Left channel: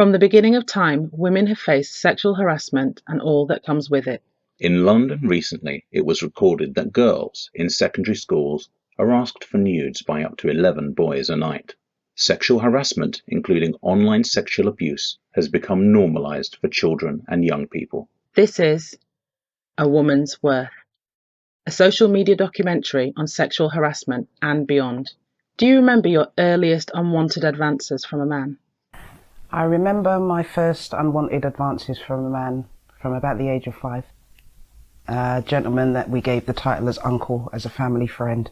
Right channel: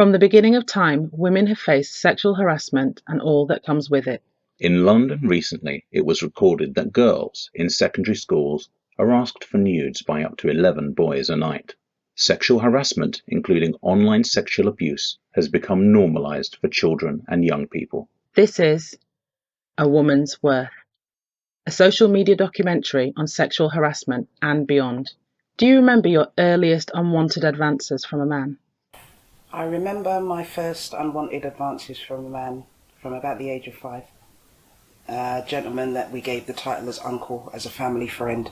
From the beginning of time, women have faced sexual harassment and all that comes with it. In London recently, it was recorded that girls in secondary schools are asked for nudes by up to 11 boys a night. Sexual harassment, including online sexual abuse, has become normalised for children and young people. This is A Woman's Worth, a social media documentary on sexual harassment and beyond. Do you remember your earliest unwanted advances from a man? I remember my first unwanted advances from a man from about the age of 5. A gentleman that we gave the title as uncle, as a family friend,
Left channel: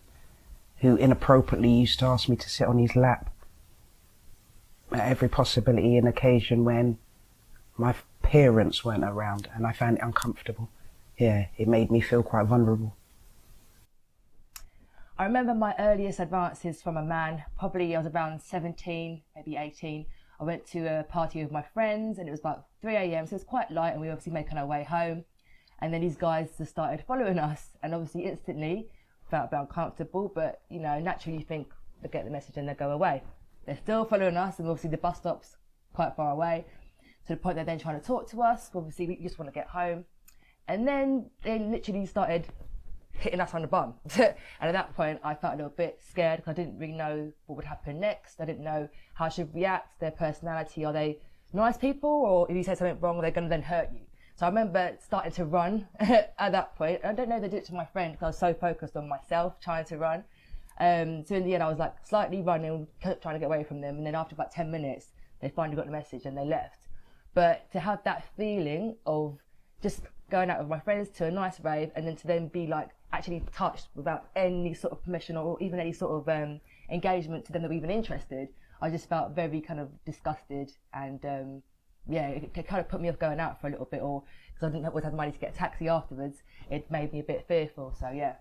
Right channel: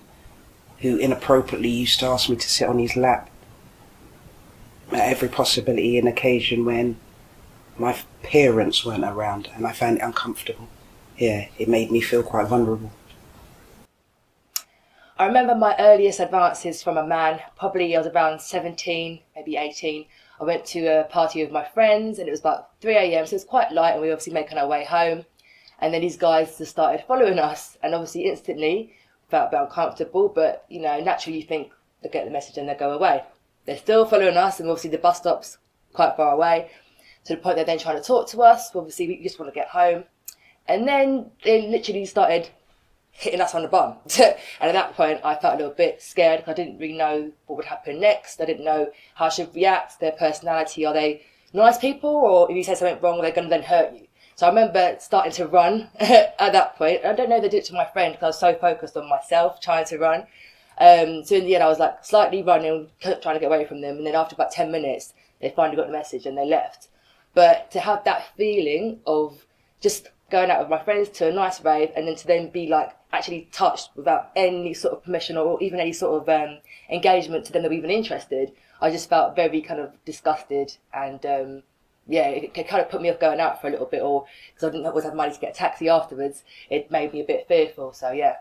who inappropriately used to ask me to sit on his lap at every possibility and occasion when my parents weren't around, and I found it uncomfortable. Yeah, it made me feel quite vulnerable. I remember my earliest advances from a man, probably I was around 17, maybe 18. I went to a party with my friends and it was about 3 a.m, so it was quite light and we were obviously making our way home. And then these guys just started following us and obviously instantly felt a bit uncomfortable, but naturally you think they'll get the message and they'll go away. They're still following us and obviously the bus stop's quite far away, to the point they're then trying to talk to us. Obviously we just want to get home. And then they literally started hitting us on the bum. And at that point, I felt a little bit scared because I didn't really know what would happen next. I didn't know how I should react, their personality. Are they nice people? Or if you say something wrong, they're going to then hurt you. So I remember starting to run at that point. I don't know if they did it to my friend because I was so focused on myself trying to run. So in the end, I was like slightly running, trying to get away from them. And then after about 10 minutes, they finally got the message and they left. But to have that feeling of just going out with my friends to a nice rave and then to then be like actually touched without any sort of permission or even any sort of engagement to them that were even interested, I just felt very kind of disgusted and it kind of put me off going out for a little bit, or because I didn't always have money to get a taxi afterwards, it made me a bit fearful, so yeah.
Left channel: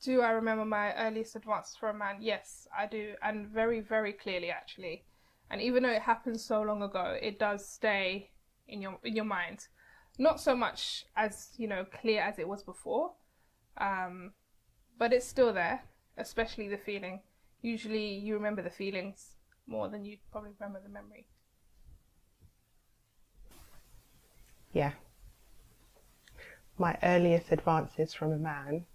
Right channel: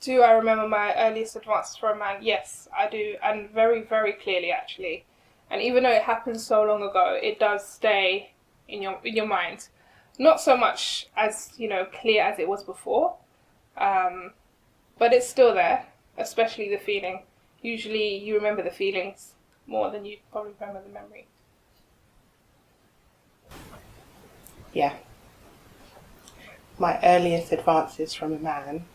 Do I remember my earliest advances for a man? Yes, I do, and very, very clearly actually. And even though it happened so long ago, it does stay in your mind. Not so much as, clear as it was before, but it's still there, especially the feeling. Usually you remember the feelings more than you probably remember the memory. Yeah. My earliest advances from a man,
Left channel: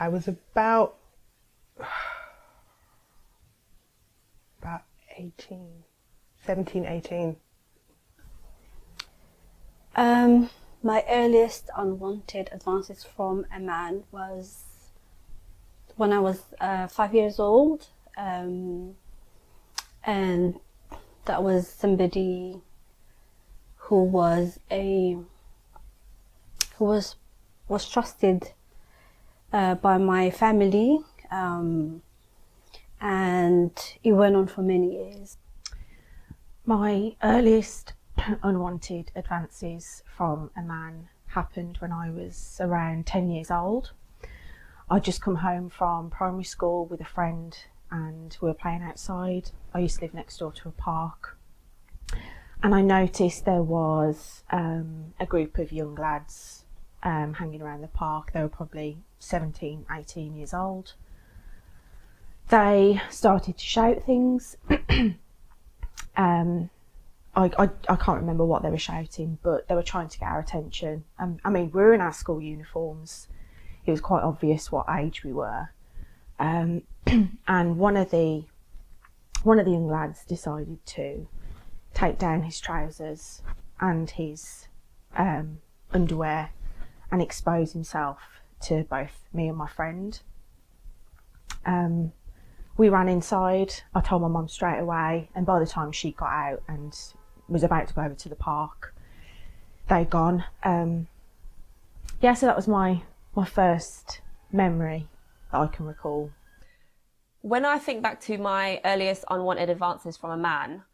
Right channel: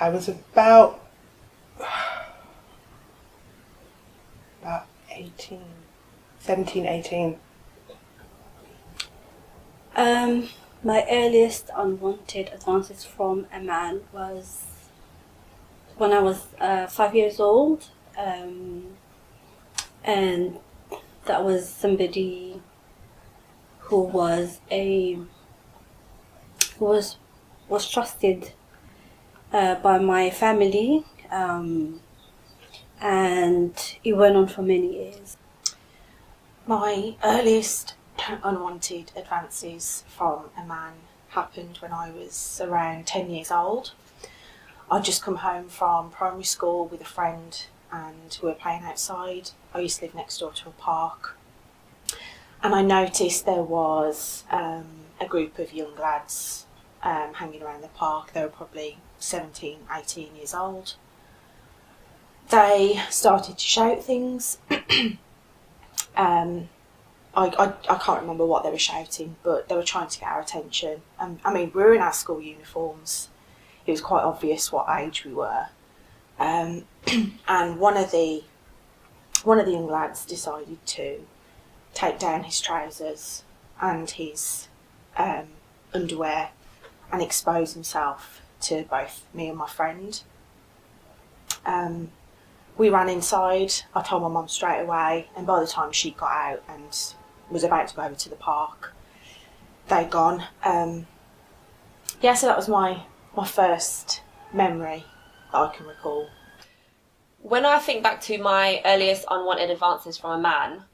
I was about 17, 18. My earliest unwanted advances from a man was when I was 5 years old, and that was somebody who was trusted by my family, and it went on for many years. My earliest unwanted advances from a man happened when I was around 10 years old. I'd just come home from primary school with a friend and we were playing outside. I used to live next door to a park, and I noticed there was a group of young lads hanging around the park. They were probably 17, 18 years old. They started to shout things. I can't remember what they were shouting, but they were trying to get our attention. We were in our school uniforms. It was quite obvious what age we were. And one of the young lads decided to take down his trousers and his underwear and expose himself to both me and my friend. We ran inside. I told my mum straight away, and by the time she got out and was about to go over to the park, they'd gone. So that was my first memory that I can recall. When I think back to my earliest unwanted advances from a man,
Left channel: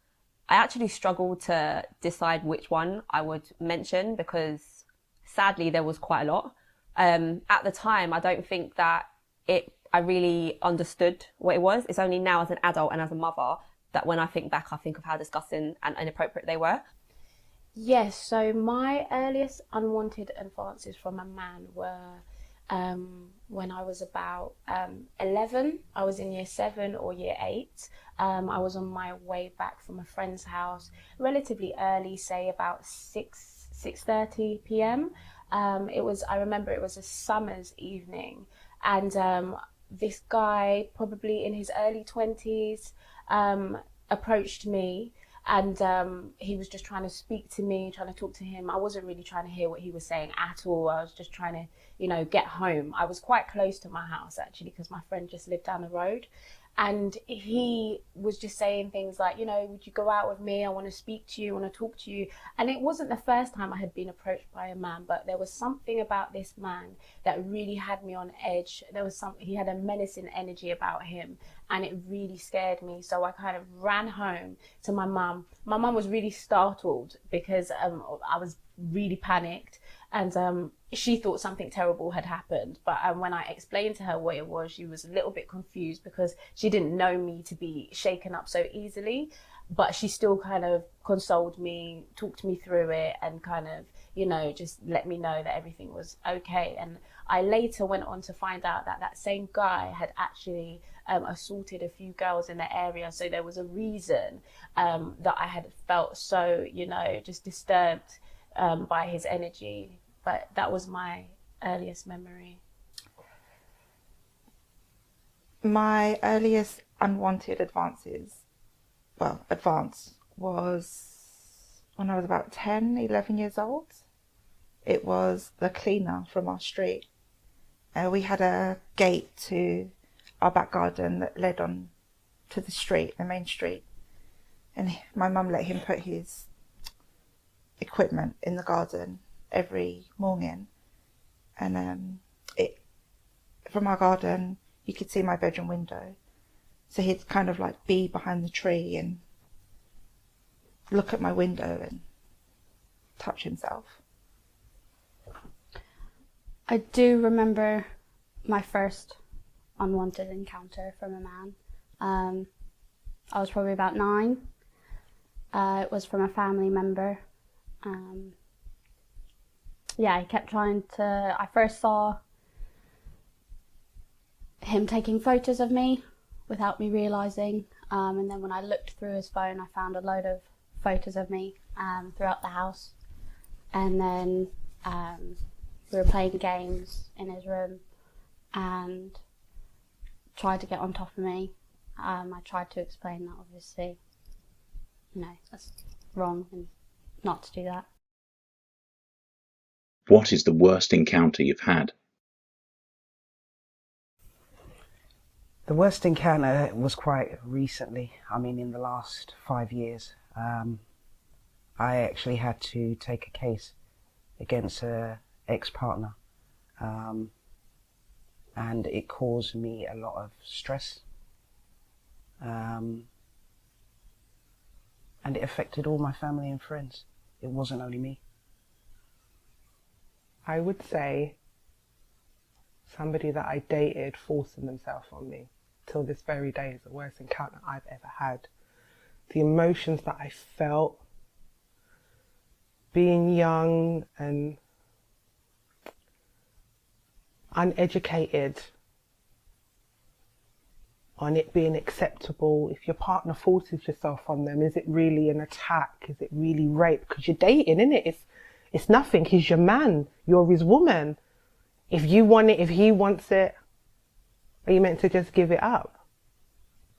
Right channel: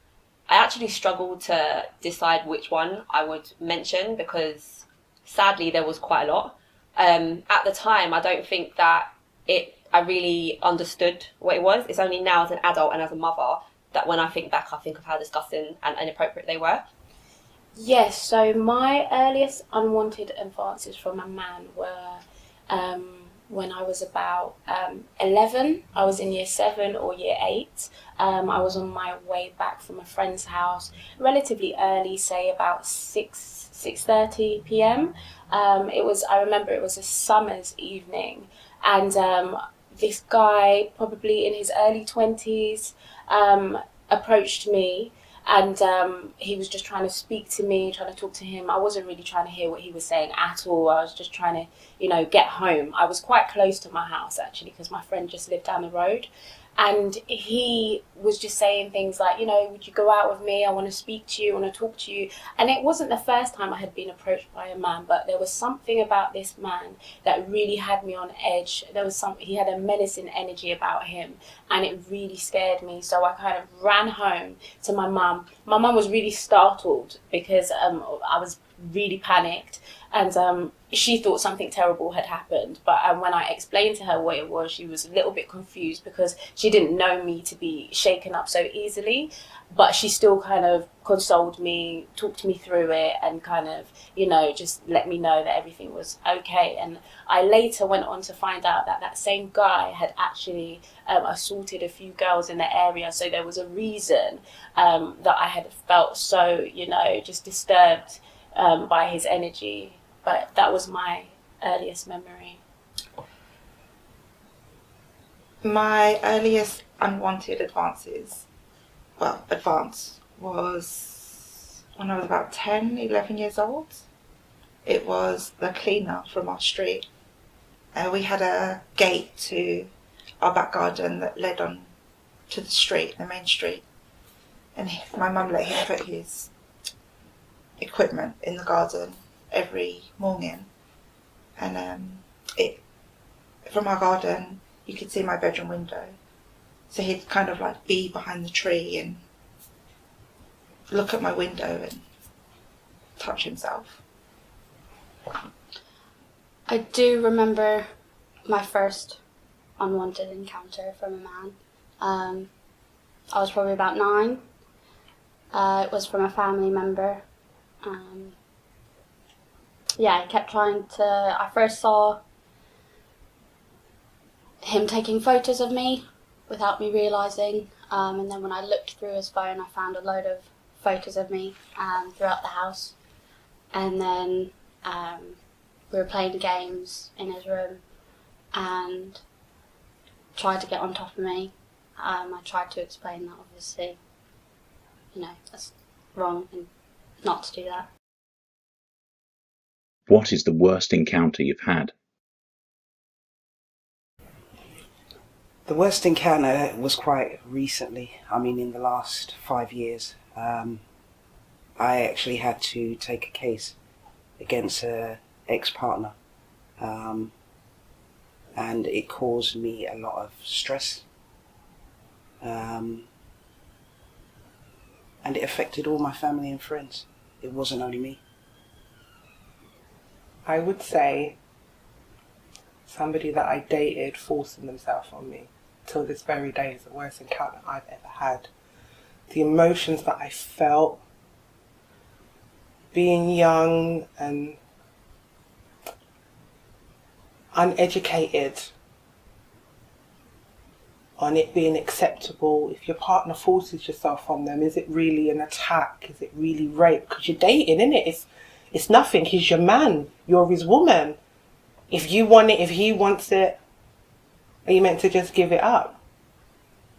I actually struggled to decide which one I would mention because sadly there was quite a lot. At the time, I don't think that I really understood what it was. It's only now as an adult and as a mother that when I think back, I think of how disgusting and inappropriate they were. Yes, so my earliest unwanted advances from a man were when I was about 11. I was in year 7 or year 8. I was on my way back from a friend's house relatively early, say about 6:30 p.m. I remember it was a summer's evening, and this guy, probably in his early 20s, approached me, and he was just trying to speak to me, trying to talk to him. I wasn't really trying to hear what he was saying at all. I was just trying to, get home. I was quite close to my house, actually, because my friend just lived down the road. And he was just saying things like, would you go out with me? I want to speak to you, I want to talk to you. And it wasn't the first time I had been approached by a man, but there was something about this man that really had me on edge. He had a menacing energy about him, and it really scared me. So I kind of ran home to my mum. My mum was really startled because I was really panicked, and she thought something terrible had happened. But when I explained to her what it was, she was a little bit confused because she didn't know me to be shaken up so easily. But she still kind of consoled me, talked me through it, and kind of, just let me know that everything was okay. And I later went on to find out that that same guy had actually assaulted a few girls in the area. So there was a reason that I had felt so, just disturbed by his energy. But that was my earliest memory. My earliest unwanted advance was when I was about 10, 11 years old. It was the cleaner from our street. We had a gate to our back garden that led on to the street, the main street. And my mum let him put his equipment in the garden every morning, and from our garden you could see my bedroom window, so he'd kind of like be behind the tree and look at my window and touch himself. I do remember my first unwanted encounter from a man. I was probably about 9. It was from a family member. He kept trying to. I first saw him taking photos of me without me realising, and then when I looked through his phone, I found a load of photos of me throughout the house. And then we were playing games in his room and tried to get on top of me. I tried to explain that obviously, that's wrong and not to do that. What is the worst encounter you've had? The worst encounter was quite recently. In the last 5 years. I actually had to take a case against an ex-partner. And it caused me a lot of stress. And it affected all my family and friends. It wasn't only me. I would say somebody that I dated forcing themselves on me till this very day is the worst encounter I've ever had. The emotions that I felt being young and uneducated on it being acceptable. If your partner forces yourself on them, is it really an attack? Is it really rape? Because you're dating, innit? It's nothing. He's your man. You're his woman. If you want it, if he wants it, are you meant to just give it up?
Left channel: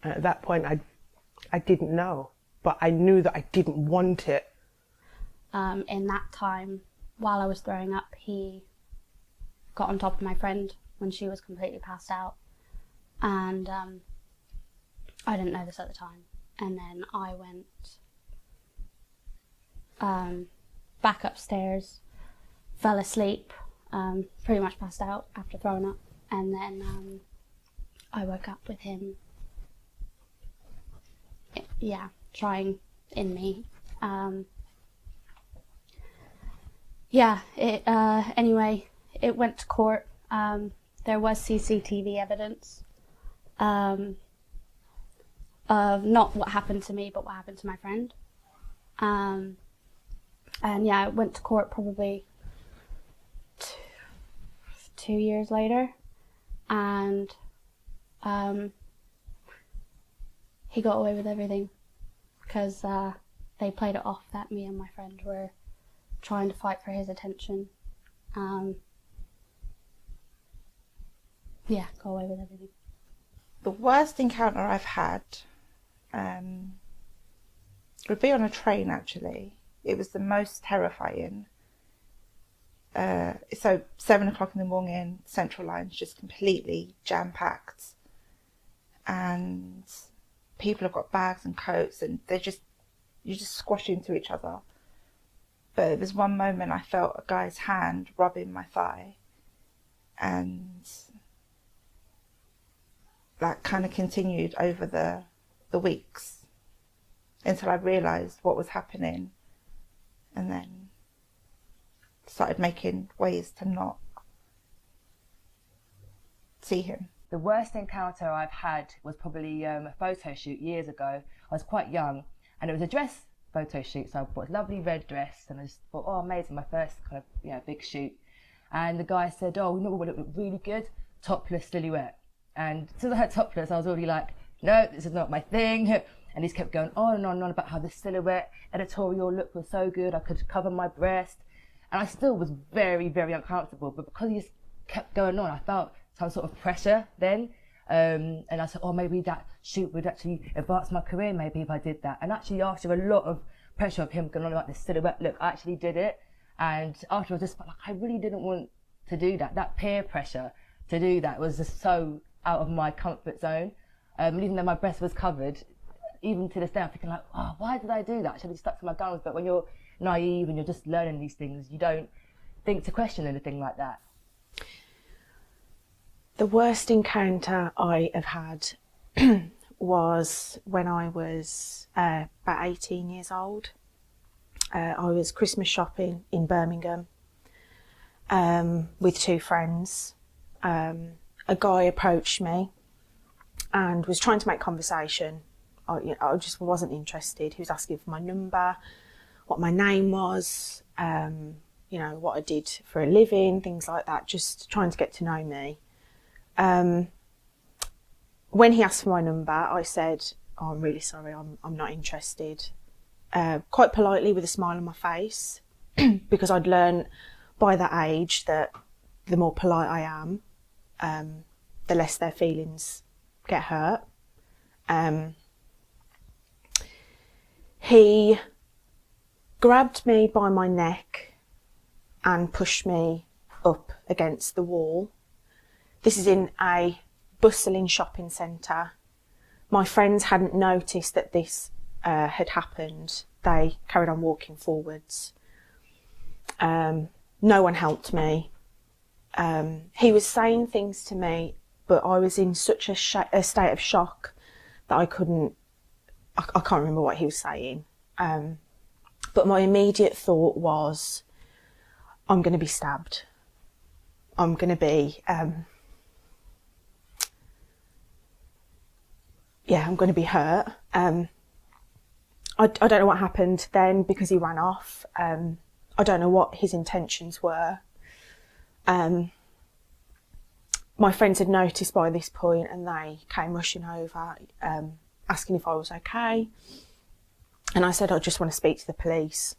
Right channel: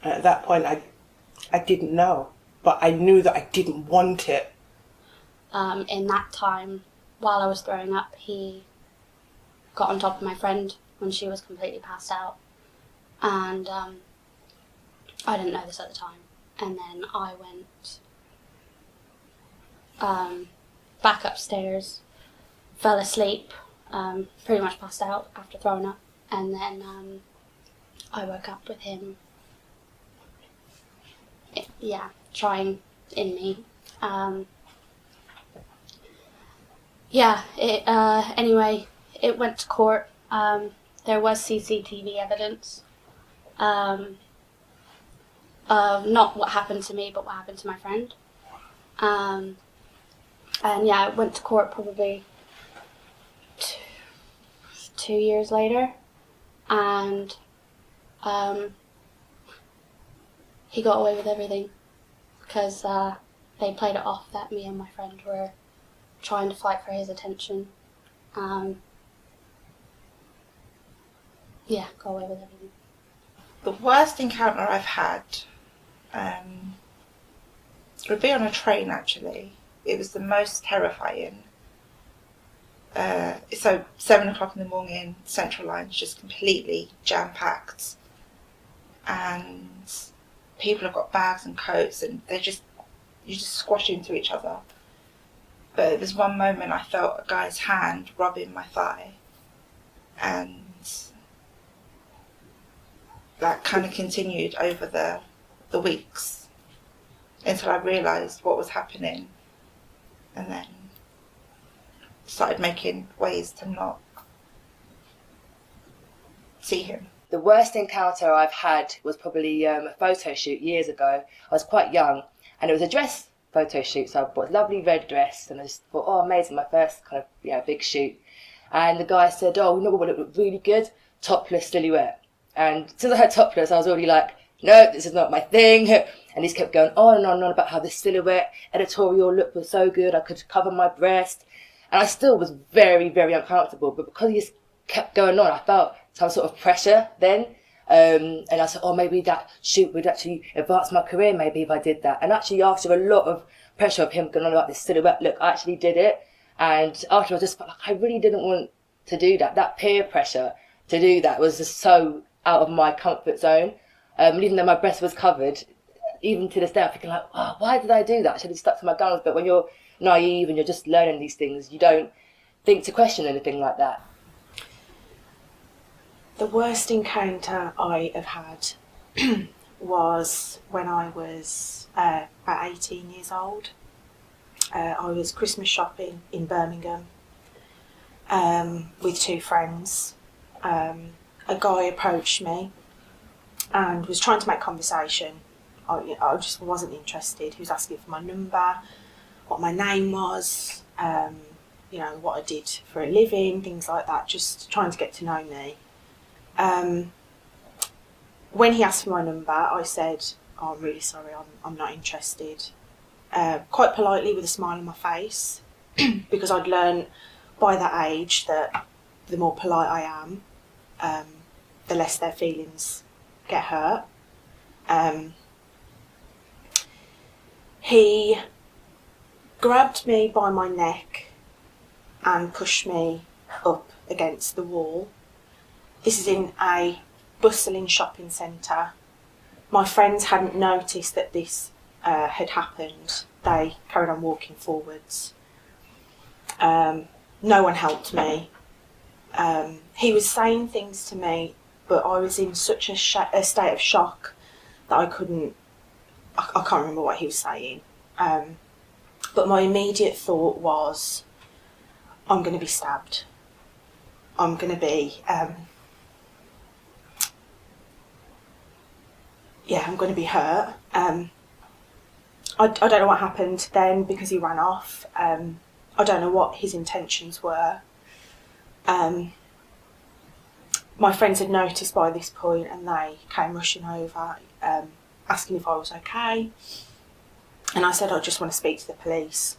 And at that point, I didn't know. But I knew that I didn't want it. In that time, while I was throwing up, he got on top of my friend when she was completely passed out. And I didn't know this at the time. And then I went back upstairs, fell asleep, pretty much passed out after throwing up. And then I woke up with him, trying in me. Anyway, it went to court. There was CCTV evidence of not what happened to me, but what happened to my friend. It went to court probably 2 years later. and he got away with everything because they played it off that me and my friend were trying to fight for his attention. Yeah, got away with everything. The worst encounter I've had would be on a train, actually. It was the most terrifying. So 7 o'clock in the morning, Central Line's just completely jam-packed, and people have got bags and coats, and you just squash into each other. But there was one moment I felt a guy's hand rubbing my thigh, and that kind of continued over the weeks until I realised what was happening, and then started making ways to not see him. The worst encounter I've had was probably a photo shoot years ago. I was quite young, and it was a dress photo shoot, so I bought a lovely red dress, and I just thought, oh, amazing, my first kind of big shoot. And the guy said, oh, you know what would look really good? Topless silhouette. And since I had topless, I was already like, no, this is not my thing. And he kept going on and on and on about how the silhouette editorial look was so good, I could cover my breast. And I still was very, very uncomfortable, but because he just kept going on, I felt some sort of pressure then. And I said, oh, maybe that shoot would actually advance my career, maybe if I did that. And actually, after a lot of pressure of him going on about this silhouette look, I actually did it. And after I just felt like I really didn't want to do that. That peer pressure to do that was just so out of my comfort zone. And even though my breast was covered, even to this day, I'm thinking like, oh, why did I do that? I should have stuck to my guns. But when you're naive and you're just learning these things, you don't think to question anything like that. The worst encounter I have had was when I was about 18 years old. I was Christmas shopping in Birmingham with two friends. A guy approached me and was trying to make conversation. I just wasn't interested. He was asking for my number, what my name was, what I did for a living, things like that, just trying to get to know me. When he asked for my number, I said, oh, I'm really sorry, I'm not interested. Quite politely with a smile on my face, because I'd learned by that age that the more polite I am, the less their feelings get hurt. He grabbed me by my neck and pushed me up against the wall. This is in a bustling shopping centre. My friends hadn't noticed that this had happened. They carried on walking forwards. No one helped me. He was saying things to me, but I was in such a state of shock that I can't remember what he was saying. But my immediate thought was, I'm going to be stabbed. I'm going to be... I'm going to be hurt. I don't know what happened then because he ran off. I don't know what his intentions were. My friends had noticed by this point and they came rushing over, asking if I was okay. And I said, I just want to speak to the police.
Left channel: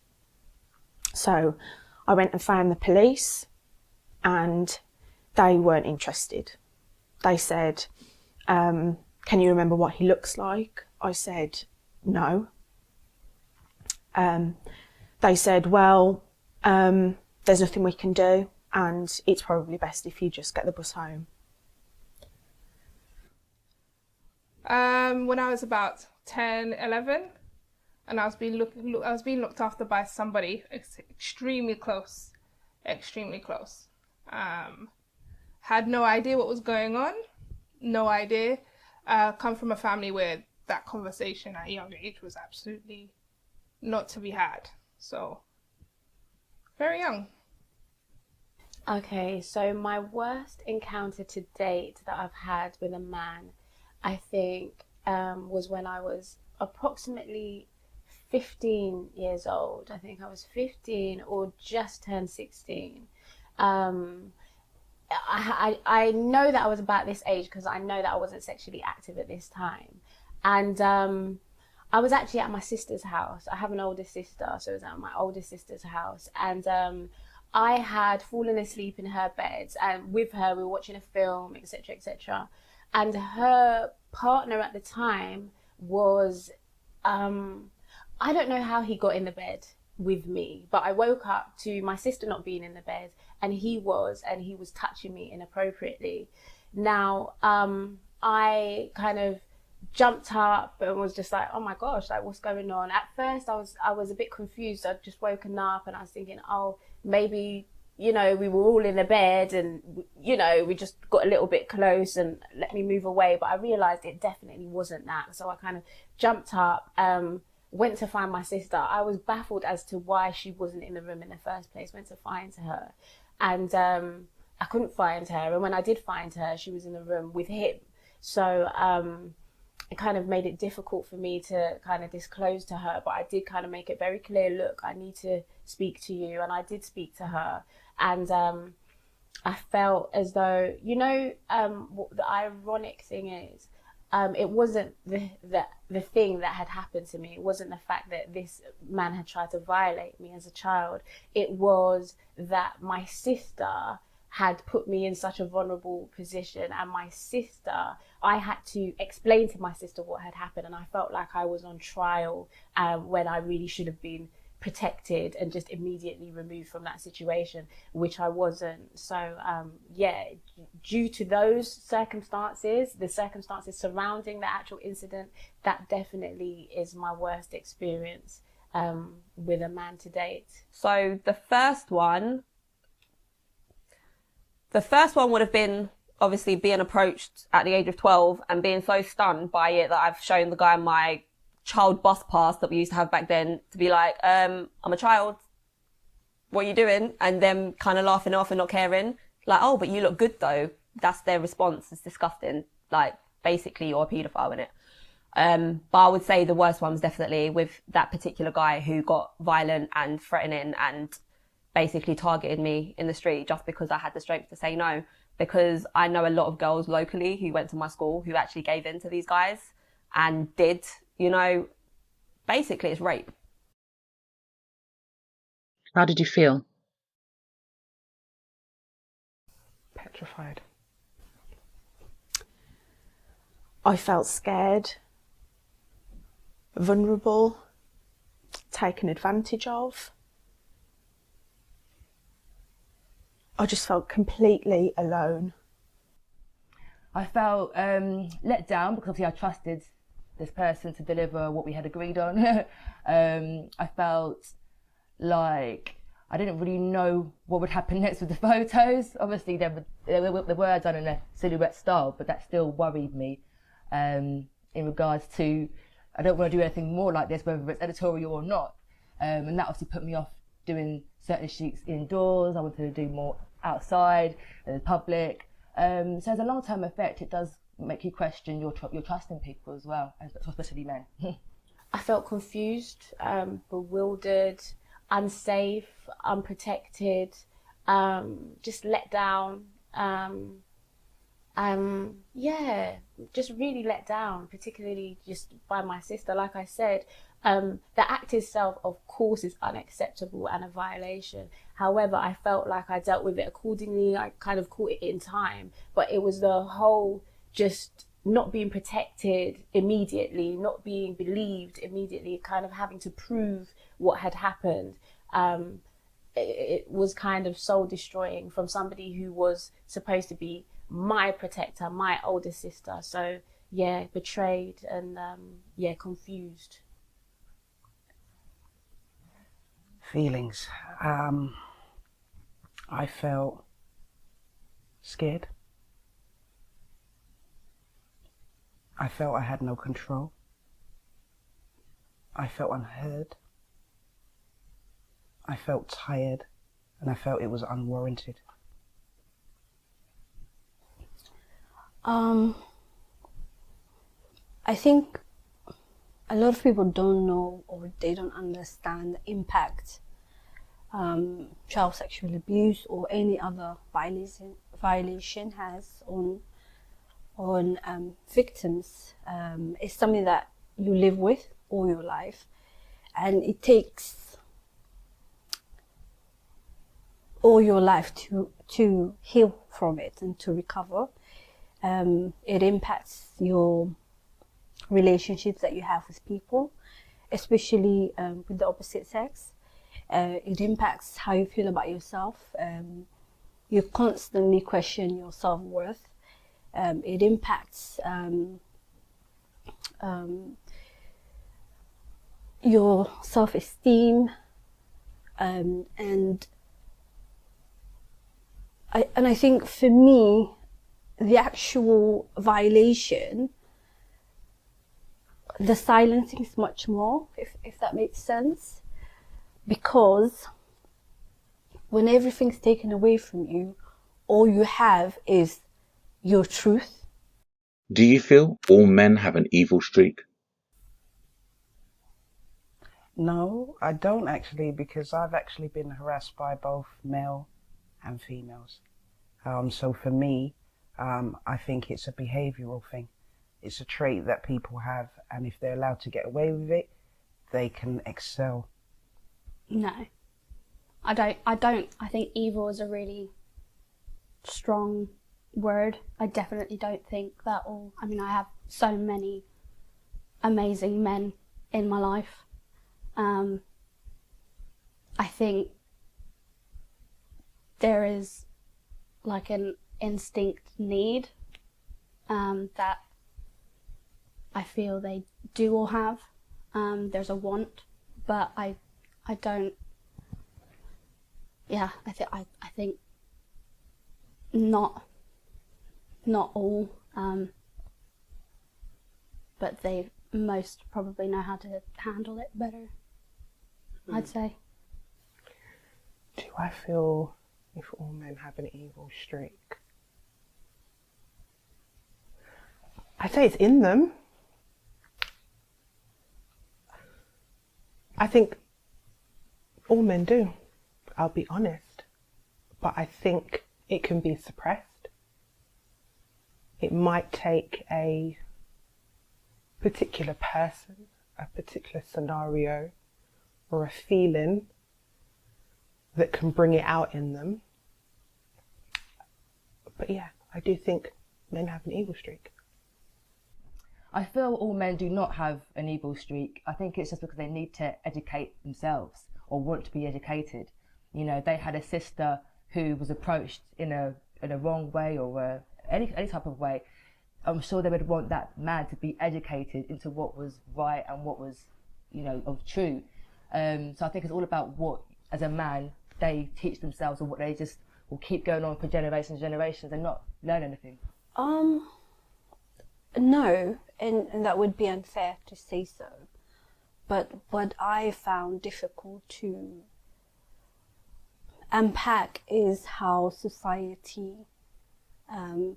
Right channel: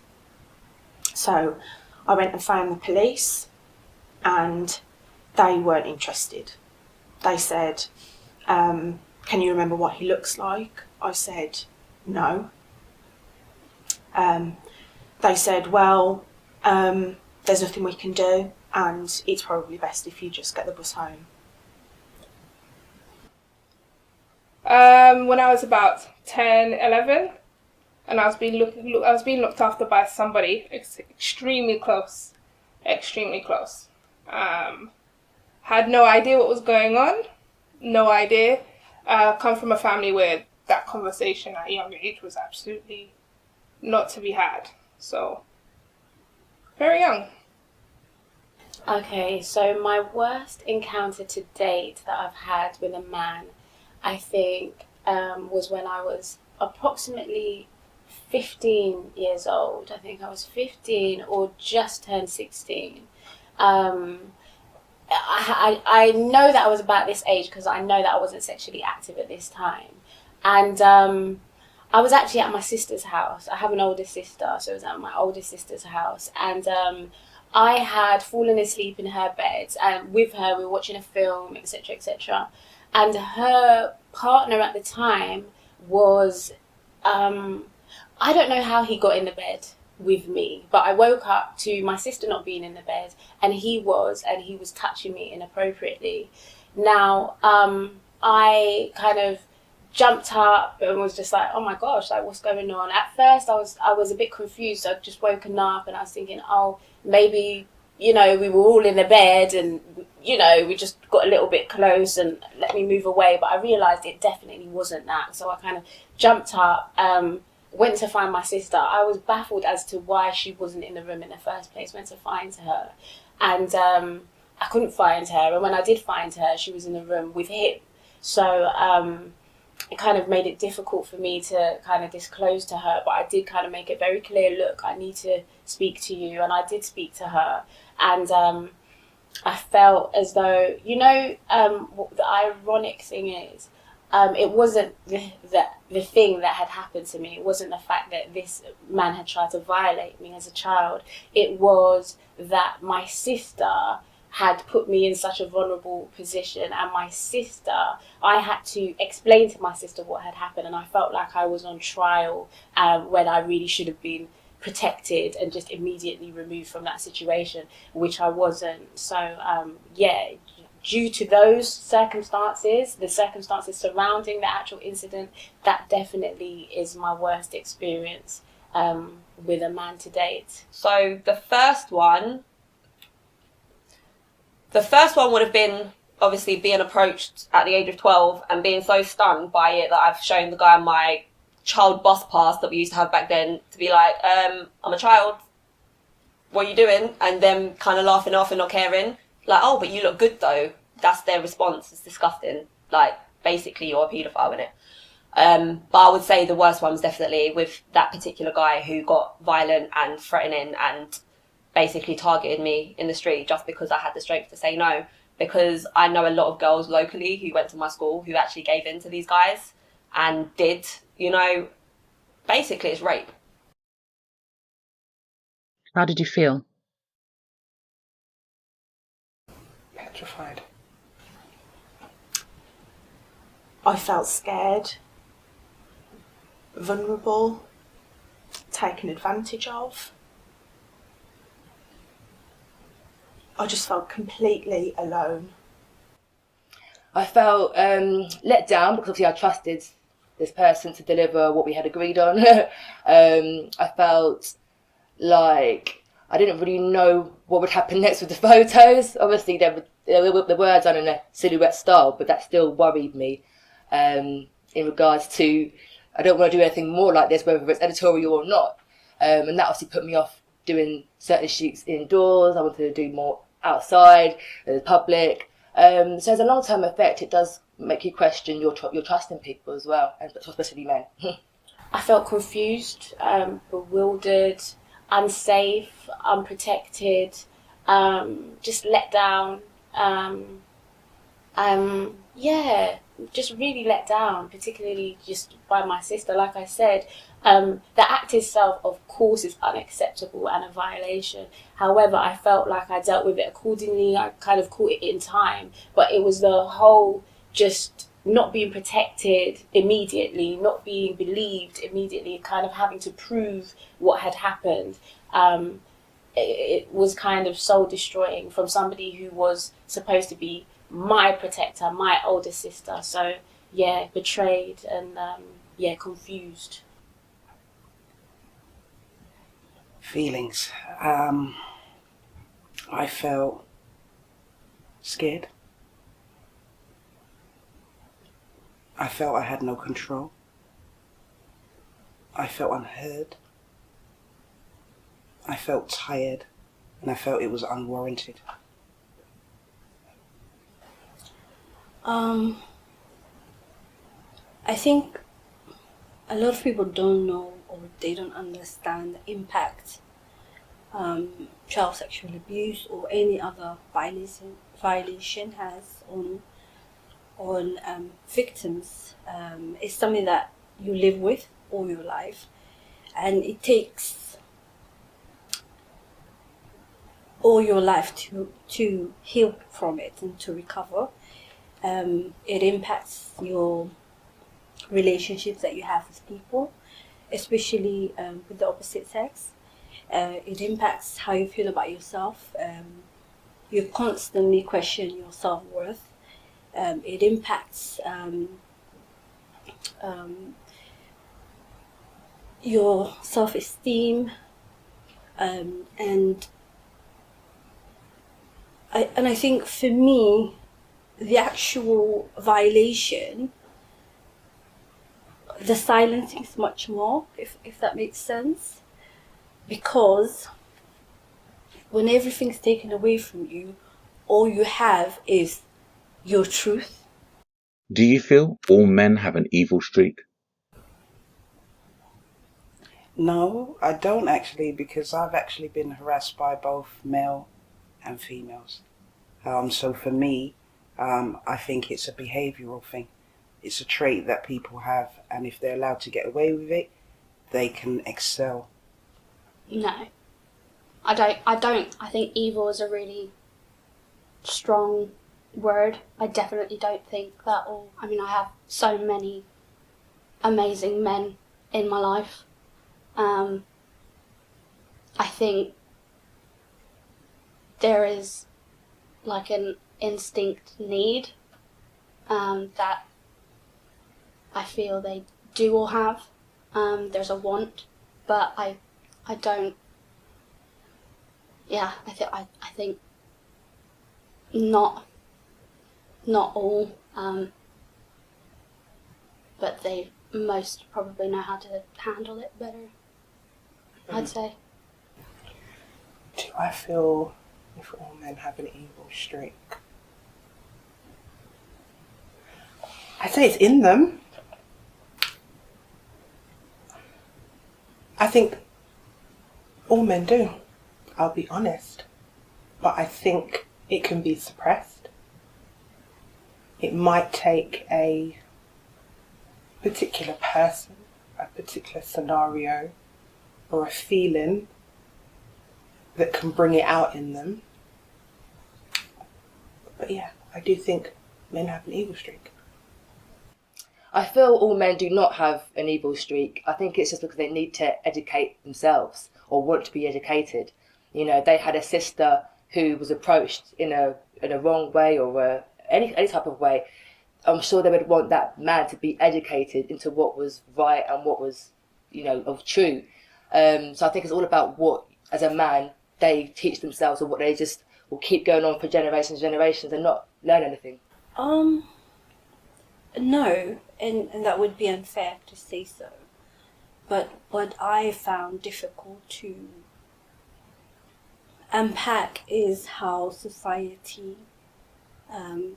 So I went and found the police and they weren't interested. They said, can you remember what he looks like? I said, no. They said, well, there's nothing we can do and it's probably best if you just get the bus home. When I was about 10, 11, and I was being looked after by somebody extremely close. Had no idea what was going on, no idea. Come from a family where that conversation at a younger age was absolutely not to be had. So, very young. Okay, so my worst encounter to date that I've had with a man, I think, was when I was approximately 15 years old. I think I was 15 or just turned 16. I know that I was about this age because I know that I wasn't sexually active at this time. And I was actually at my sister's house. I have an older sister, so I was at my older sister's house. And I had fallen asleep in her bed, and with her we were watching a film, etc., etc. And her partner at the time was, I don't know how he got in the bed with me, but I woke up to my sister not being in the bed, and he was touching me inappropriately. Now, I kind of jumped up and was just like, oh my gosh, like, what's going on? At first I was a bit confused. I'd just woken up and I was thinking, oh, maybe, we were all in the bed and, we just got a little bit close and let me move away. But I realised it definitely wasn't that. So I kind of jumped up, went to find my sister. I was baffled as to why she wasn't in the room in the first place, went to find her. And I couldn't find her. And when I did find her, she was in the room with him. So it kind of made it difficult for me to kind of disclose to her, but I did kind of make it very clear, look, I need to speak to you. And I did speak to her. And I felt as though, what the ironic thing is, it wasn't the thing that had happened to me. It wasn't the fact that this man had tried to violate me as a child. It was that my sister had put me in such a vulnerable position, and I had to explain to my sister what had happened, and I felt like I was on trial when I really should have been protected and just immediately removed from that situation, which I wasn't. So due to those circumstances, the circumstances surrounding the actual incident, that definitely is my worst experience with a man to date. So the first one would have been obviously being approached at the age of 12 and being so stunned by it that I've shown the guy my child bus pass that we used to have back then to be like, I'm a child, what are you doing? And them kind of laughing off and not caring. Like, oh, but you look good though. That's their response. It's disgusting. Like, basically you're a paedophile, innit? But I would say the worst one was definitely with that particular guy who got violent and threatening and basically targeted me in the street just because I had the strength to say no. Because I know a lot of girls locally who went to my school who actually gave in to these guys and did, basically it's rape. How did you feel? Petrified. I felt scared, vulnerable, taken advantage of. I just felt completely alone. I felt let down because obviously I trusted this person to deliver what we had agreed on. I felt like I didn't really know what would happen next with the photos. Obviously they were done in a silhouette style, but that still worried me in regards to I don't want to do anything more like this, whether it's editorial or not. And that obviously put me off doing certain shoots indoors. I wanted to do more outside, in the public. So as a long-term effect, it does make you question your trust in people as well, and especially men. I felt confused, bewildered, unsafe, unprotected, just let down. Just really let down, particularly just by my sister. Like I said, the act itself, of course, is unacceptable and a violation. However, I felt like I dealt with it accordingly. I kind of caught it in time, but it was the whole just not being protected immediately, not being believed immediately, kind of having to prove what had happened. It was kind of soul destroying from somebody who was supposed to be my protector, my older sister. So yeah, betrayed and confused. Feelings. I felt scared. I felt I had no control. I felt unheard. I felt tired, and I felt it was unwarranted. I think a lot of people don't know or they don't understand the impact child sexual abuse or any other violence violation has on victims. It's something that you live with all your life, and it takes all your life to heal from it and to recover. It impacts your relationships that you have with people, especially with the opposite sex. It impacts how you feel about yourself. You constantly question your self-worth. It impacts your self-esteem, and I think for me, the actual violation, the silencing is much more, if that makes sense, because when everything's taken away from you, all you have is your truth. Do you feel all men have an evil streak? No, I don't actually, because I've actually been harassed by both male and females. So for me, I think it's a behavioural thing. It's a trait that people have, and if they're allowed to get away with it, they can excel. No, I don't. I think evil is a really strong word. I definitely don't think that all. I mean, I have so many amazing men in my life. I think there is like an instinct need that I feel they do all have. There's a want, but I don't. Yeah, I think not all, but they most probably know how to handle it better. I'd say. Do I feel if all men have an evil streak? I'd say it's in them. I think all men do, I'll be honest. But I think it can be suppressed. It might take a particular person, a particular scenario, or a feeling that can bring it out in them. But yeah, I do think men have an evil streak. I feel all men do not have an evil streak. I think it's just because they need to educate themselves or want to be educated. You know, they had a sister who was approached in a wrong way or any type of way. I'm sure they would want that man to be educated into what was right and what was, of true. So I think it's all about what, as a man, they teach themselves, or what they just will keep going on for generations and generations and not learn anything. No, and that would be unfair to say so. But what I found difficult to unpack is how society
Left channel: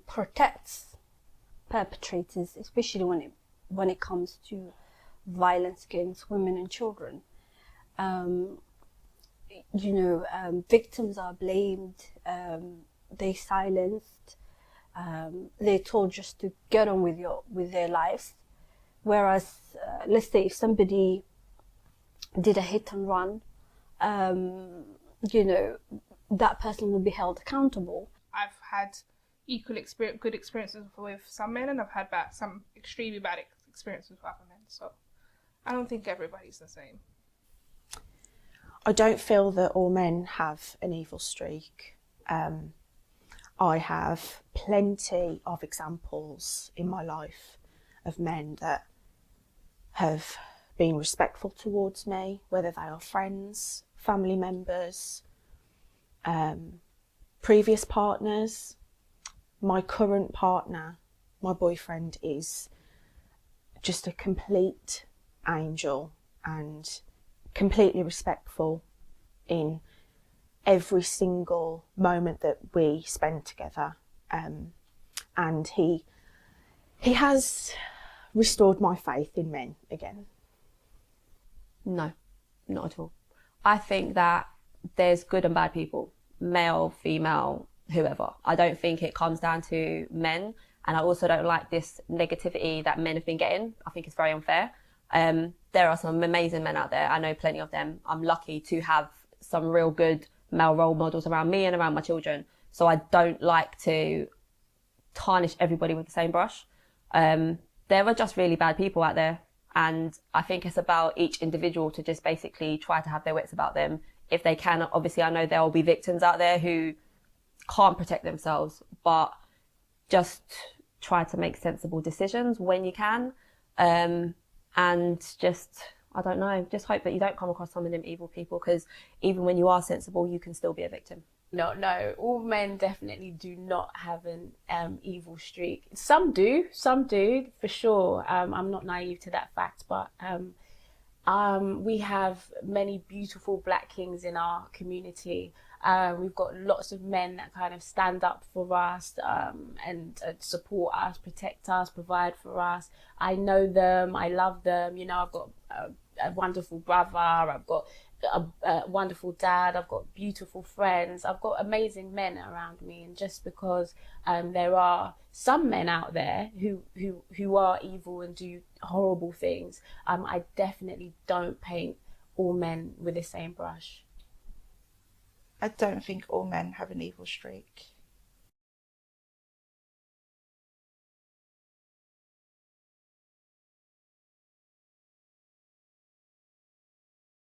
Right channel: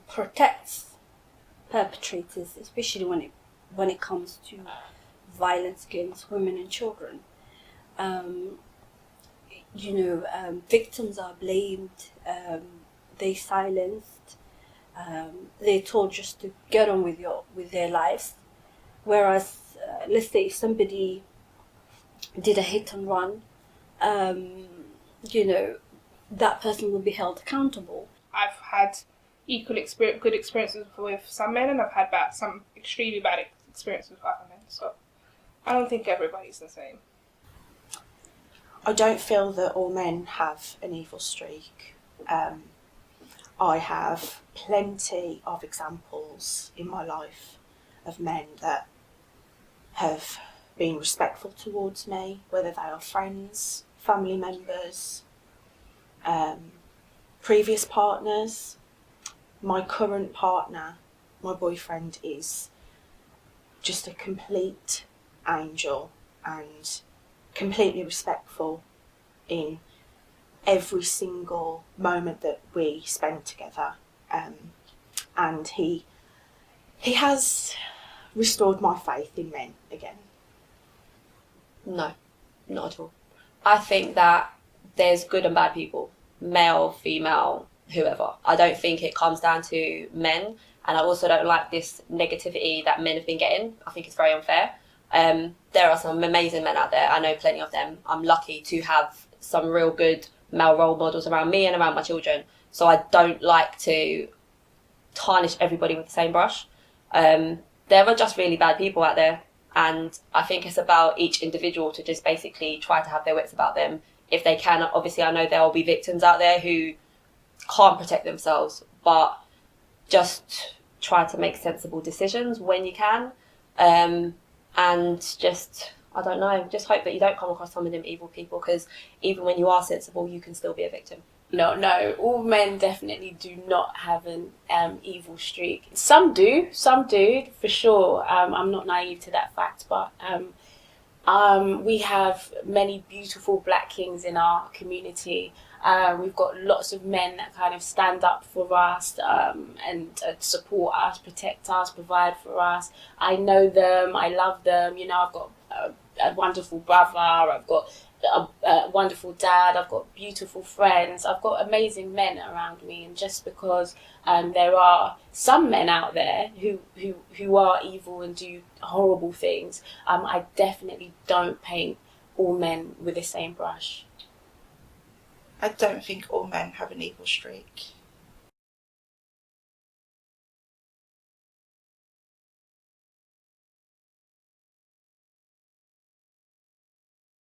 protects perpetrators, especially when it comes to violence against women and children. Victims are blamed, they silenced, they're told just to get on with their lives. Whereas, let's say if somebody did a hit and run, that person will be held accountable. I've had good experiences with some men, and I've had some extremely bad experiences with other men. So I don't think everybody's the same. I don't feel that all men have an evil streak. I have plenty of examples in my life of men that have been respectful towards me, whether they are friends, family members, previous partners. My current partner, my boyfriend, is just a complete angel and completely respectful in every single moment that we spend together, and he has restored my faith in men again. No, not at all. I think that there's good and bad people, male, female, whoever. I don't think it comes down to men, and I also don't like this negativity that men have been getting. I think it's very unfair. There are some amazing men out there. I know plenty of them. I'm lucky to have some real good male role models around me and around my children. So I don't like to tarnish everybody with the same brush. There are just really bad people out there, and I think it's about each individual to just basically try to have their wits about them if they can. Obviously, I know there will be victims out there who can't protect themselves, but just try to make sensible decisions when you can, and just, I don't know, just hope that you don't come across some of them evil people, because even when you are sensible, you can still be a victim. No, all men definitely do not have an evil streak. Some do, for sure. I'm not naive to that fact, but we have many beautiful black kings in our community. We've got lots of men that kind of stand up for us and support us, protect us, provide for us. I know them, I love them. You know, I've got a wonderful brother, I've got a wonderful dad, I've got beautiful friends, I've got amazing men around me. And just because there are some men out there who are evil and do horrible things, I definitely don't paint all men with the same brush. I don't think all men have an evil streak.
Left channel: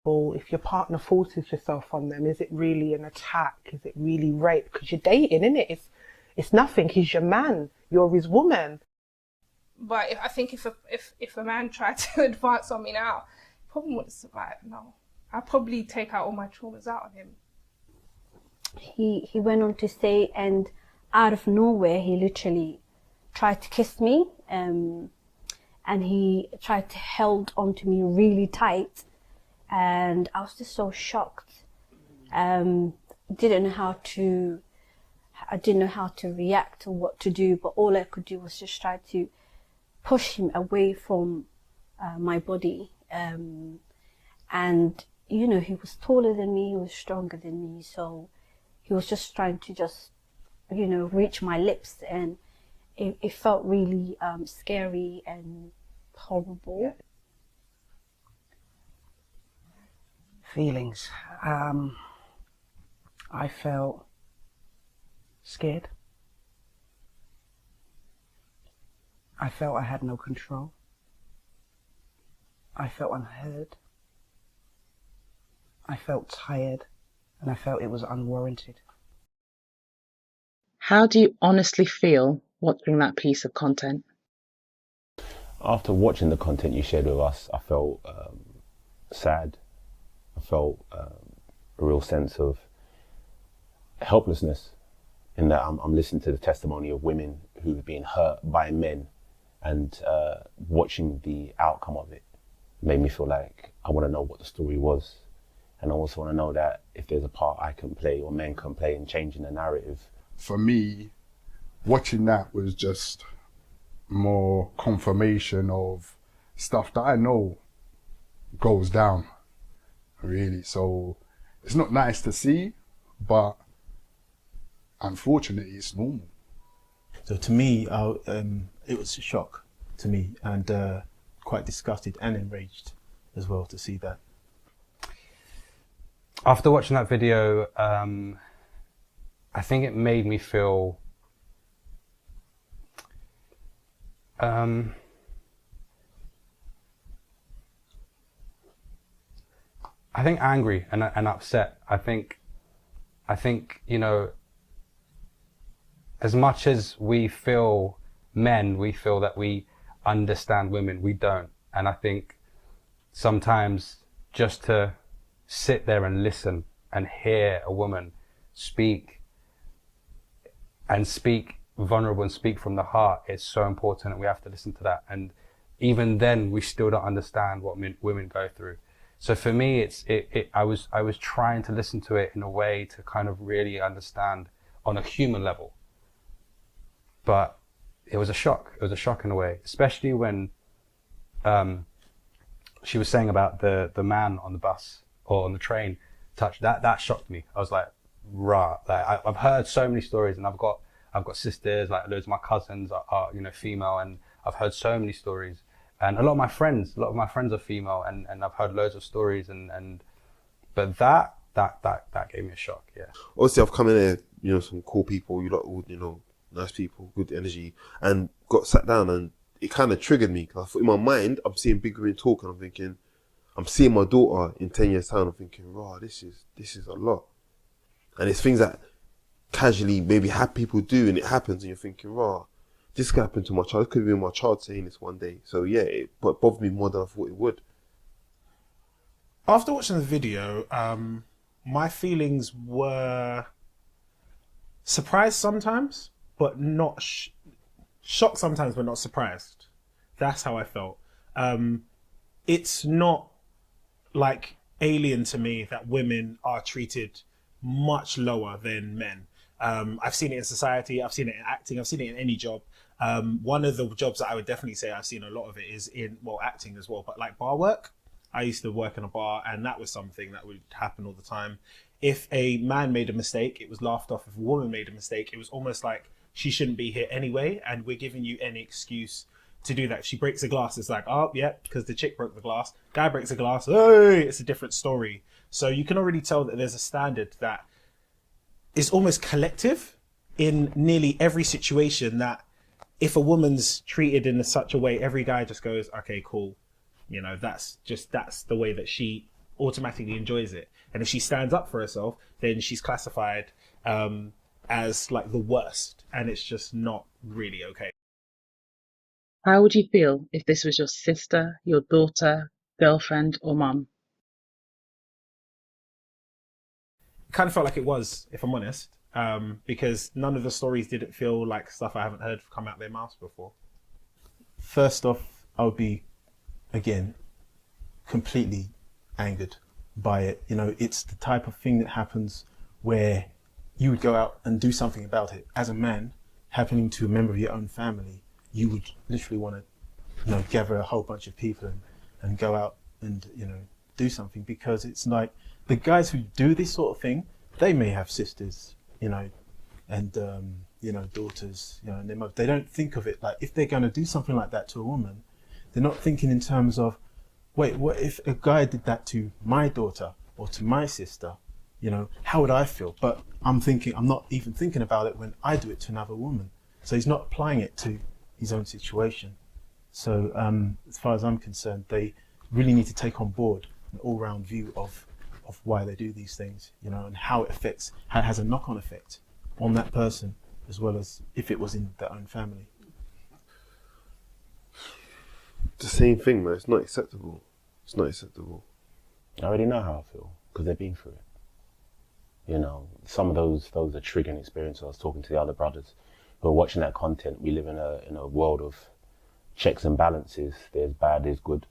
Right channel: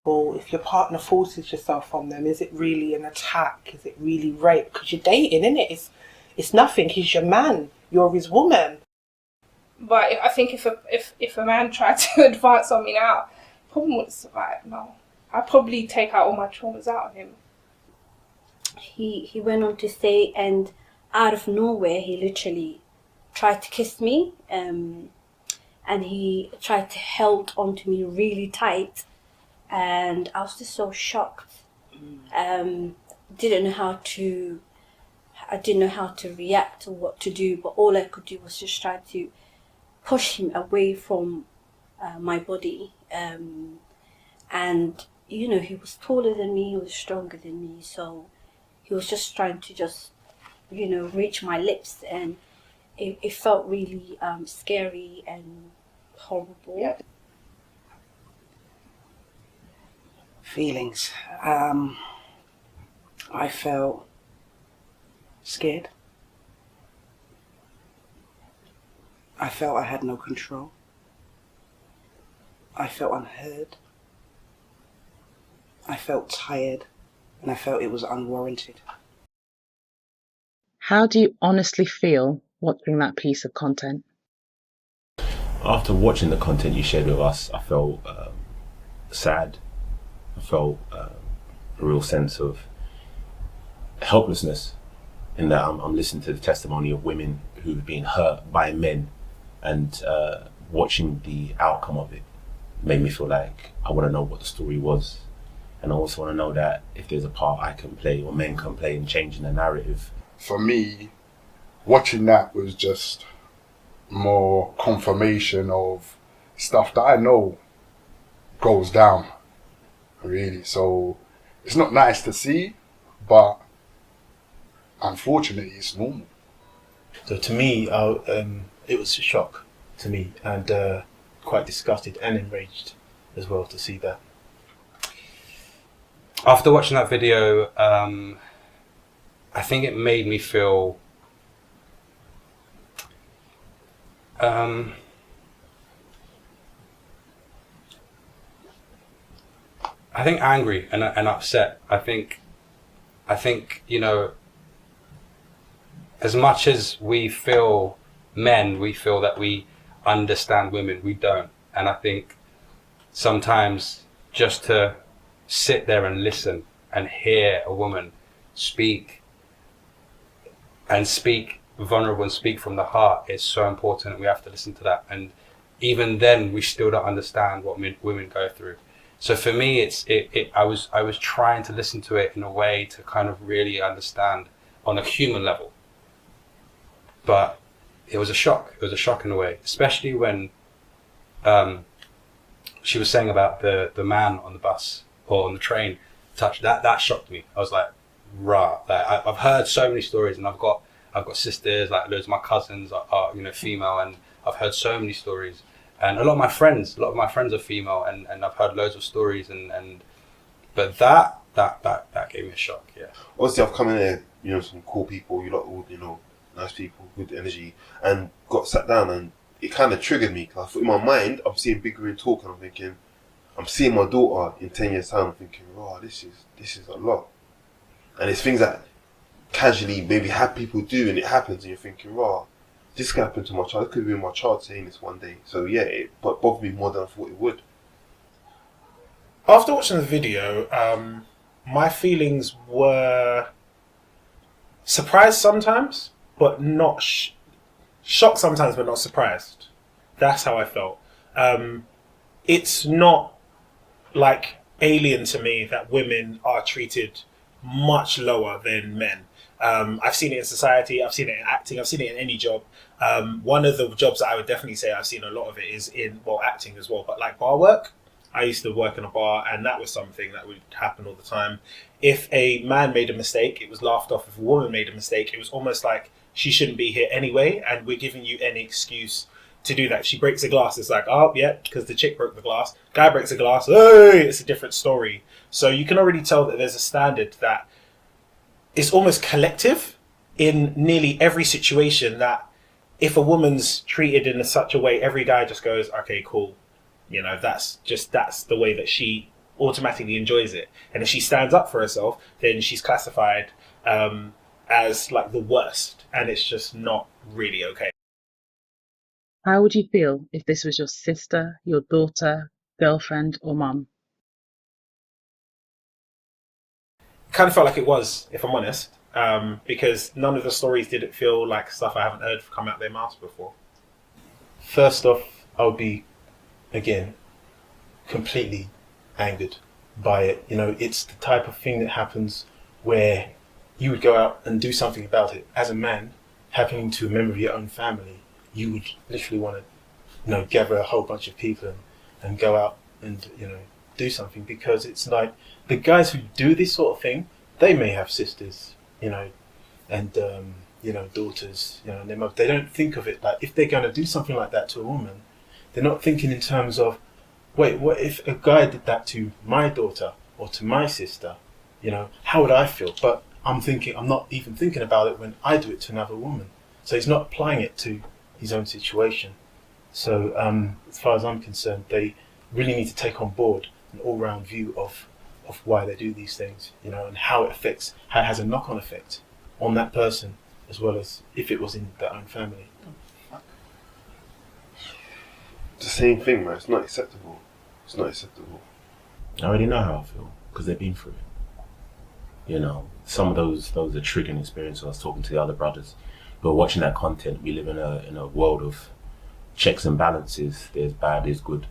If your partner forces yourself on them, is it really an attack? Is it really rape? Because you're dating, innit? It's nothing. He's your man. You're his woman. But I think if a man tried to advance on me now, he probably wouldn't survive. No, I'd probably take out all my traumas out of him. He went on to say, and out of nowhere, he literally tried to kiss me, and he tried to hold onto me really tight. And I was just so shocked. I didn't know how to react or what to do, but all I could do was just try to push him away from my body. And you know, he was taller than me, he was stronger than me, so he was just trying to reach my lips, and it felt really scary and horrible. Yeah. Feelings. I felt scared. I felt I had no control. I felt unheard. I felt tired, and I felt it was unwarranted. How do you honestly feel watching that piece of content? After watching the content you shared with us, I felt sad. I felt a real sense of helplessness in that I'm listening to the testimony of women who've been hurt by men, and watching the outcome of it made me feel like I want to know what the story was. And I also want to know that if there's a part I can play or men can play in changing the narrative. For me, watching that was just more confirmation of stuff that I know goes down, really. So it's not nice to see, but unfortunately it's normal. So to me, it was a shock to me, and quite disgusted and enraged as well to see that. After watching that video, I think it made me feel I think angry and upset. I think as much as we feel that we understand women, we don't. And I think sometimes just to sit there and listen and hear a woman speak vulnerable and speak from the heart is so important, and we have to listen to that. And even then, we still don't understand what women go through. So for me, I was trying to listen to it in a way to kind of really understand on a human level. But it was a shock. It was a shock in a way, especially when she was saying about the man on the bus or on the train touch. That shocked me. I was like, rah. Like I've heard so many stories, and I've got sisters, like loads of my cousins are female, and I've heard so many stories, and a lot of my friends are female, and I've heard loads of stories, but that gave me a shock. Yeah. Obviously, I've come in here, some cool people, you lot, all, nice people, good energy, and got sat down, and it kind of triggered me. Cause I thought in my mind, I'm seeing Big Green talk, and I'm thinking, I'm seeing my daughter in 10 years' time. I'm thinking, wow, this is a lot, and it's things that casually maybe people do, and it happens, and you're thinking, wow, this could happen to my child. It could have been my child saying this one day. So yeah, it bothered me more than I thought it would. After watching the video, my feelings were surprised sometimes, but not shocked sometimes, but not surprised. That's how I felt. It's not like alien to me that women are treated much lower than men. I've seen it in society, I've seen it in acting, I've seen it in any job. One of the jobs that I would definitely say I've seen a lot of it is in, acting as well, but like bar work. I used to work in a bar, and that was something that would happen all the time. If a man made a mistake, it was laughed off. If a woman made a mistake, it was almost like she shouldn't be here anyway, and we're giving you any excuse to do that. If she breaks a glass, it's like, oh yeah, because the chick broke the glass. Guy breaks a glass, hey, it's a different story. So you can already tell that there's a standard that is almost collective in nearly every situation, that if a woman's treated in such a way, every guy just goes, okay, cool. That's the way that she automatically enjoys it. And if she stands up for herself, then she's classified as like the worst, and it's just not really okay. How would you feel if this was your sister, your daughter, girlfriend, or mum? It kind of felt like it was, if I'm honest, because none of the stories didn't feel like stuff I haven't heard come out their mouths before. First off, I would be, again, completely angered by it. It's the type of thing that happens where you would go out and do something about it. As a man, happening to a member of your own family, you would literally want to, gather a whole bunch of people and go out and, do something, because it's like the guys who do this sort of thing, they may have sisters, and, daughters, and they don't think of it like, if they're going to do something like that to a woman, they're not thinking in terms of, wait, what if a guy did that to my daughter or to my sister? How would I feel? But I'm not even thinking about it when I do it to another woman. So he's not applying it to his own situation. So as far as I'm concerned, they really need to take on board an all-round view of why they do these things, and how it has a knock-on effect on that person, as well as if it was in their own family. The same thing, man. It's not acceptable. It's not acceptable. I already know how I feel because they've been through it. Some of those are triggering experiences. I was talking to the other brothers, but watching that content, we live in a world of checks and balances. There's bad, there's good,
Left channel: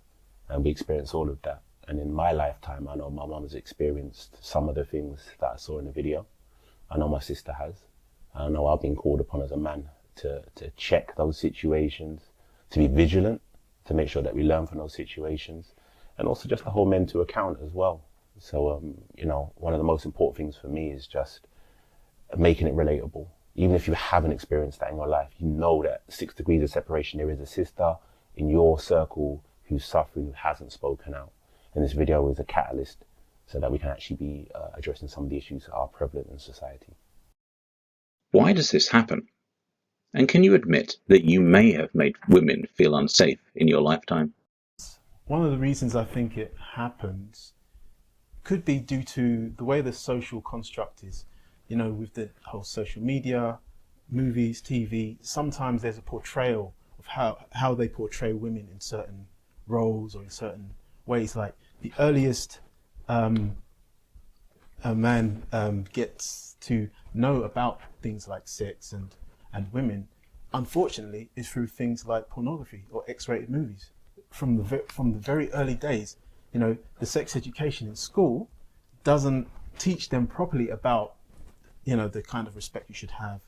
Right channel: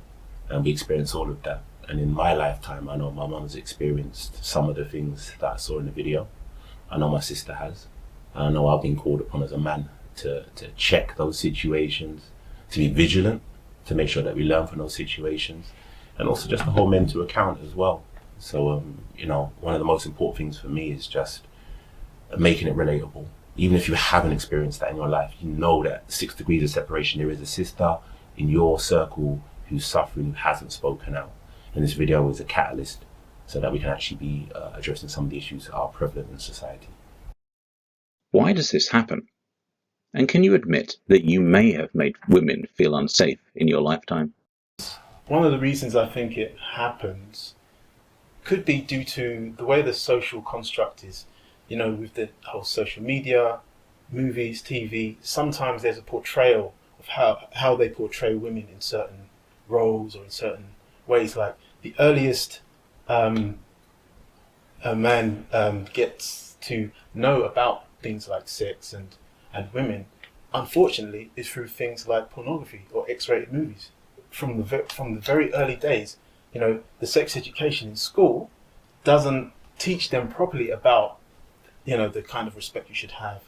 and we experience all of that. And in my lifetime, I know my mum has experienced some of the things that I saw in the video. I know my sister has. I know I've been called upon as a man to check those situations, to be vigilant, to make sure that we learn from those situations, and also just to hold men to account as well. So, one of the most important things for me is just making it relatable. Even if you haven't experienced that in your life, you know that 6 degrees of separation, there is a sister in your circle who's suffering, who hasn't spoken out. And this video is a catalyst so that we can actually be addressing some of the issues that are prevalent in society. Why does this happen? And can you admit that you may have made women feel unsafe in your lifetime? One of the reasons I think it happens could be due to the way the social construct is. With the whole social media, movies, TV, sometimes there's a portrayal of how they portray women in certain roles or in certain ways. Like the earliest a man gets to know about things like sex and women, unfortunately, is through things like pornography or X-rated movies. From the very early days, the sex education in school doesn't teach them properly about, the kind of respect you should have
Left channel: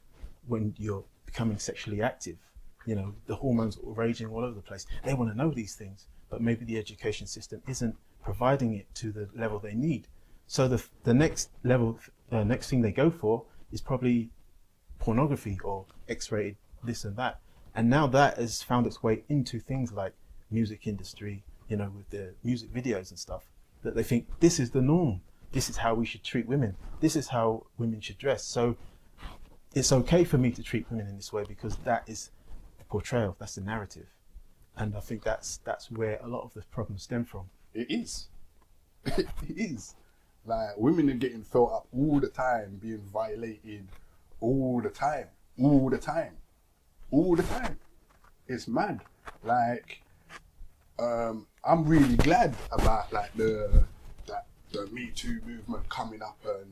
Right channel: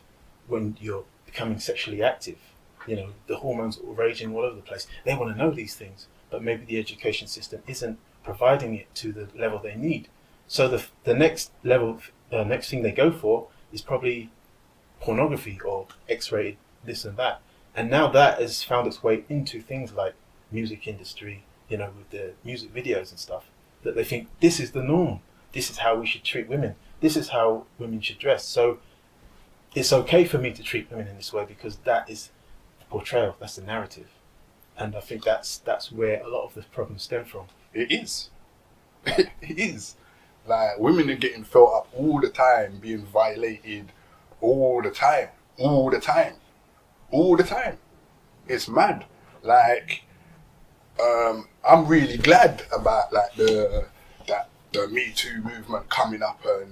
when you're becoming sexually active. The hormones are raging all over the place. They want to know these things, but maybe the education system isn't providing it to the level they need. So the next level the next thing they go for is probably pornography or X-rated this and that. And now that has found its way into things like music industry, you know, with the music videos and stuff, that they think this is the norm. This is how we should treat women. This is how women should dress. So it's okay for me to treat women in this way because that is the portrayal, that's the narrative. And I think that's where a lot of the problems stem from. It is. It is. Like, women are getting felt up all the time, being violated all the time. All the time. All the time. It's mad. Like, I'm really glad about like the Me Too movement coming up and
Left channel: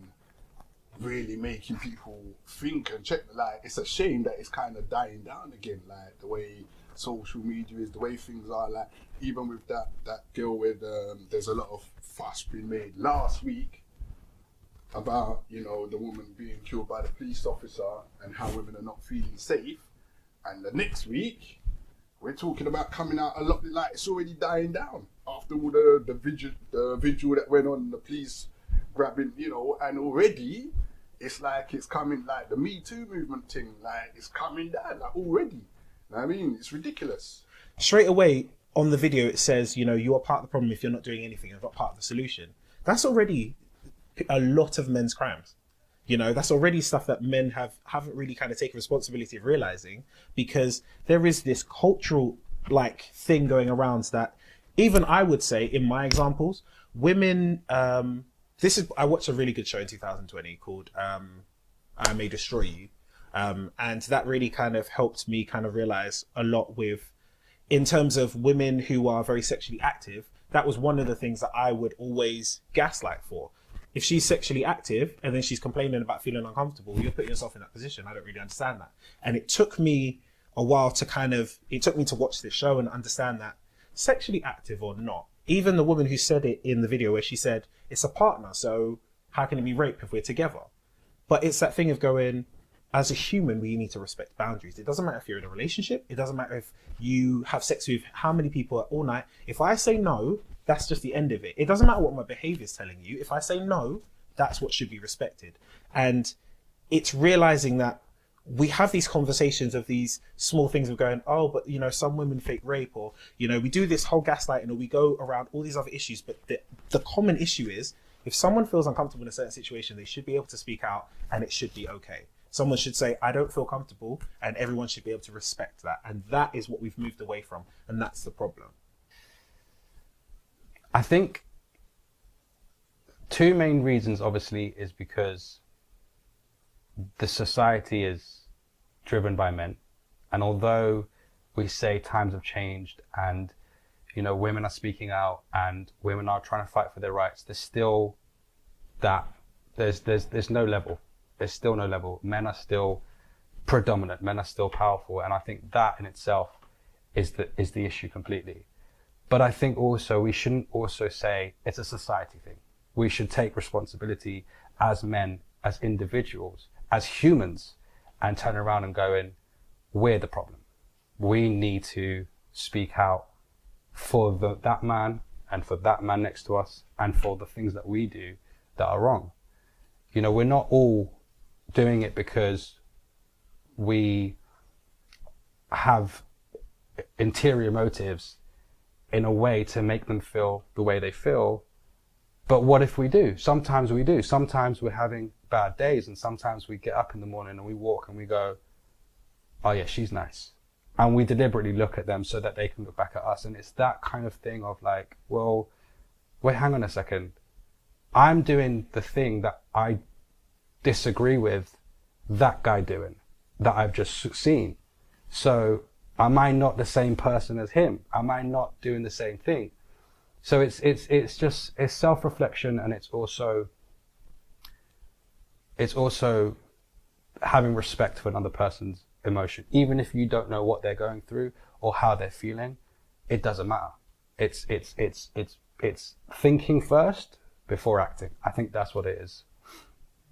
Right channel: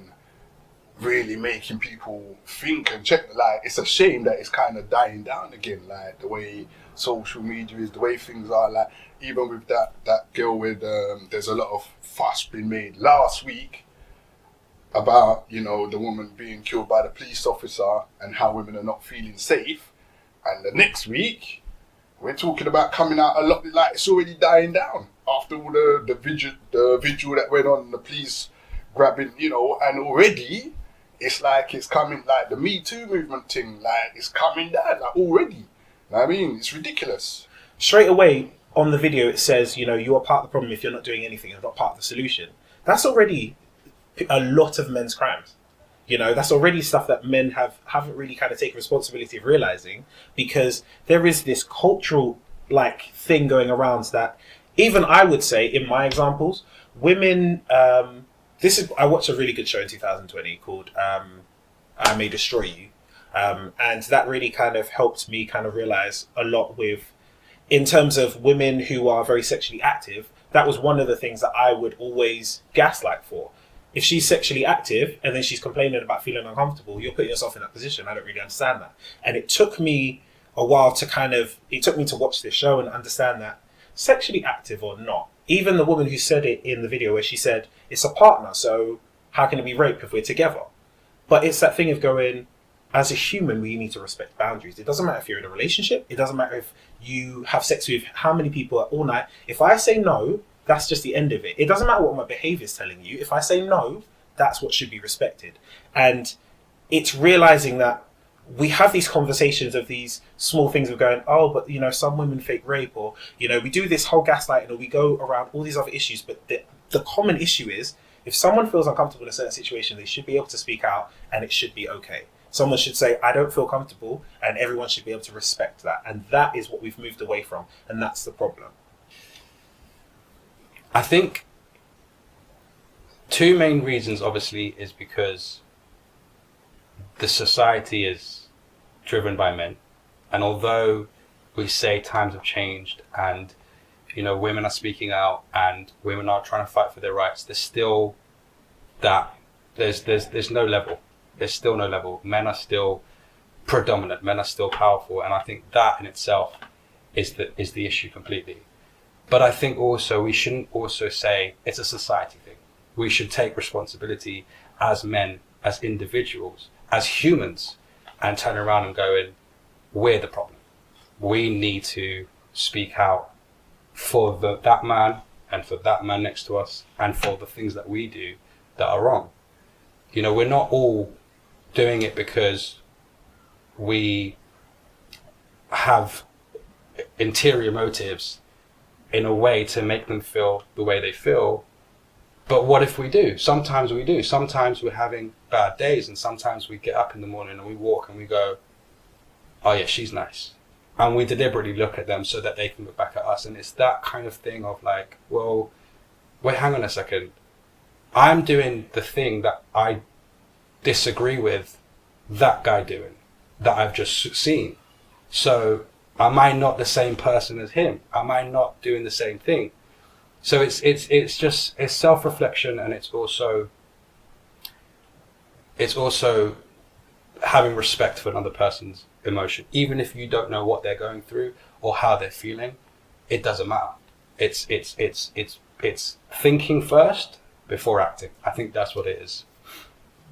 really making people think and check. Like, it's a shame that it's kind of dying down again, like the way social media is, the way things are. Like, even with that girl with there's a lot of fuss being made last week about, you know, the woman being killed by the police officer and how women are not feeling safe, and the next week we're talking about coming out a lot, like it's already dying down after all the vigil that went on, the police grabbing, you know, and already it's like it's coming, like the Me Too movement thing, like it's coming down, like already. You know what I mean? It's ridiculous. Straight away on the video it says, you know, you're part of the problem if you're not doing anything, you're not part of the solution. That's already a lot of men's crimes. You know, that's already stuff that men haven't really kind of taken responsibility of realizing, because there is this cultural like thing going around that even I would say in my examples, women, I watched a really good show in 2020 called I May Destroy You. And that really kind of helped me kind of realize a lot with, in terms of women who are very sexually active, that was one of the things that I would always gaslight for. If she's sexually active and then she's complaining about feeling uncomfortable, you're putting yourself in that position. I don't really understand that. And it took me a while to watch this show and understand that sexually active or not, even the woman who said it in the video where she said, it's a partner, so how can it be rape if we're together? But it's that thing of going, as a human, we need to respect boundaries. It doesn't matter if you're in a relationship. It doesn't matter if you have sex with how many people all night. If I say no, that's just the end of it. It doesn't matter what my behavior is telling you. If I say no, that's what should be respected. And it's realizing that we have these conversations of these small things of going, oh, but you know, some women fake rape, or you know, we do this whole gaslighting, or we go around all these other issues. But the common issue is, if someone feels uncomfortable in a certain situation, they should be able to speak out, and it should be okay. Someone should say, I don't feel comfortable, and everyone should be able to respect that. And that is what we've moved away from, and that's the problem. I think two main reasons, obviously, is because the society is driven by men. And although we say times have changed and, you know, women are speaking out and women are trying to fight for their rights, there's still that, there's no level. There's still no level. Men are still predominant. Men are still powerful. And I think that in itself is the issue completely. But I think also we shouldn't also say it's a society thing. We should take responsibility as men, as individuals, as humans, and turn around and go in, we're the problem. We need to speak out for that man and for that man next to us and for the things that we do that are wrong. You know, we're not all doing it because we have interior motives in a way to make them feel the way they feel. But what if we do? Sometimes we do. Sometimes we're having bad days, and sometimes we get up in the morning and we walk and we go, oh yeah, she's nice. And we deliberately look at them so that they can look back at us. And it's that kind of thing of like, well, wait, hang on a second. I'm doing the thing that I disagree with that guy doing, that I've just seen. So am I not the same person as him? Am I not doing the same thing? So it's just self-reflection, and it's also having respect for another person's emotion, even if you don't know what they're going through or how they're feeling. It doesn't matter. It's thinking first before acting. I think that's what it is.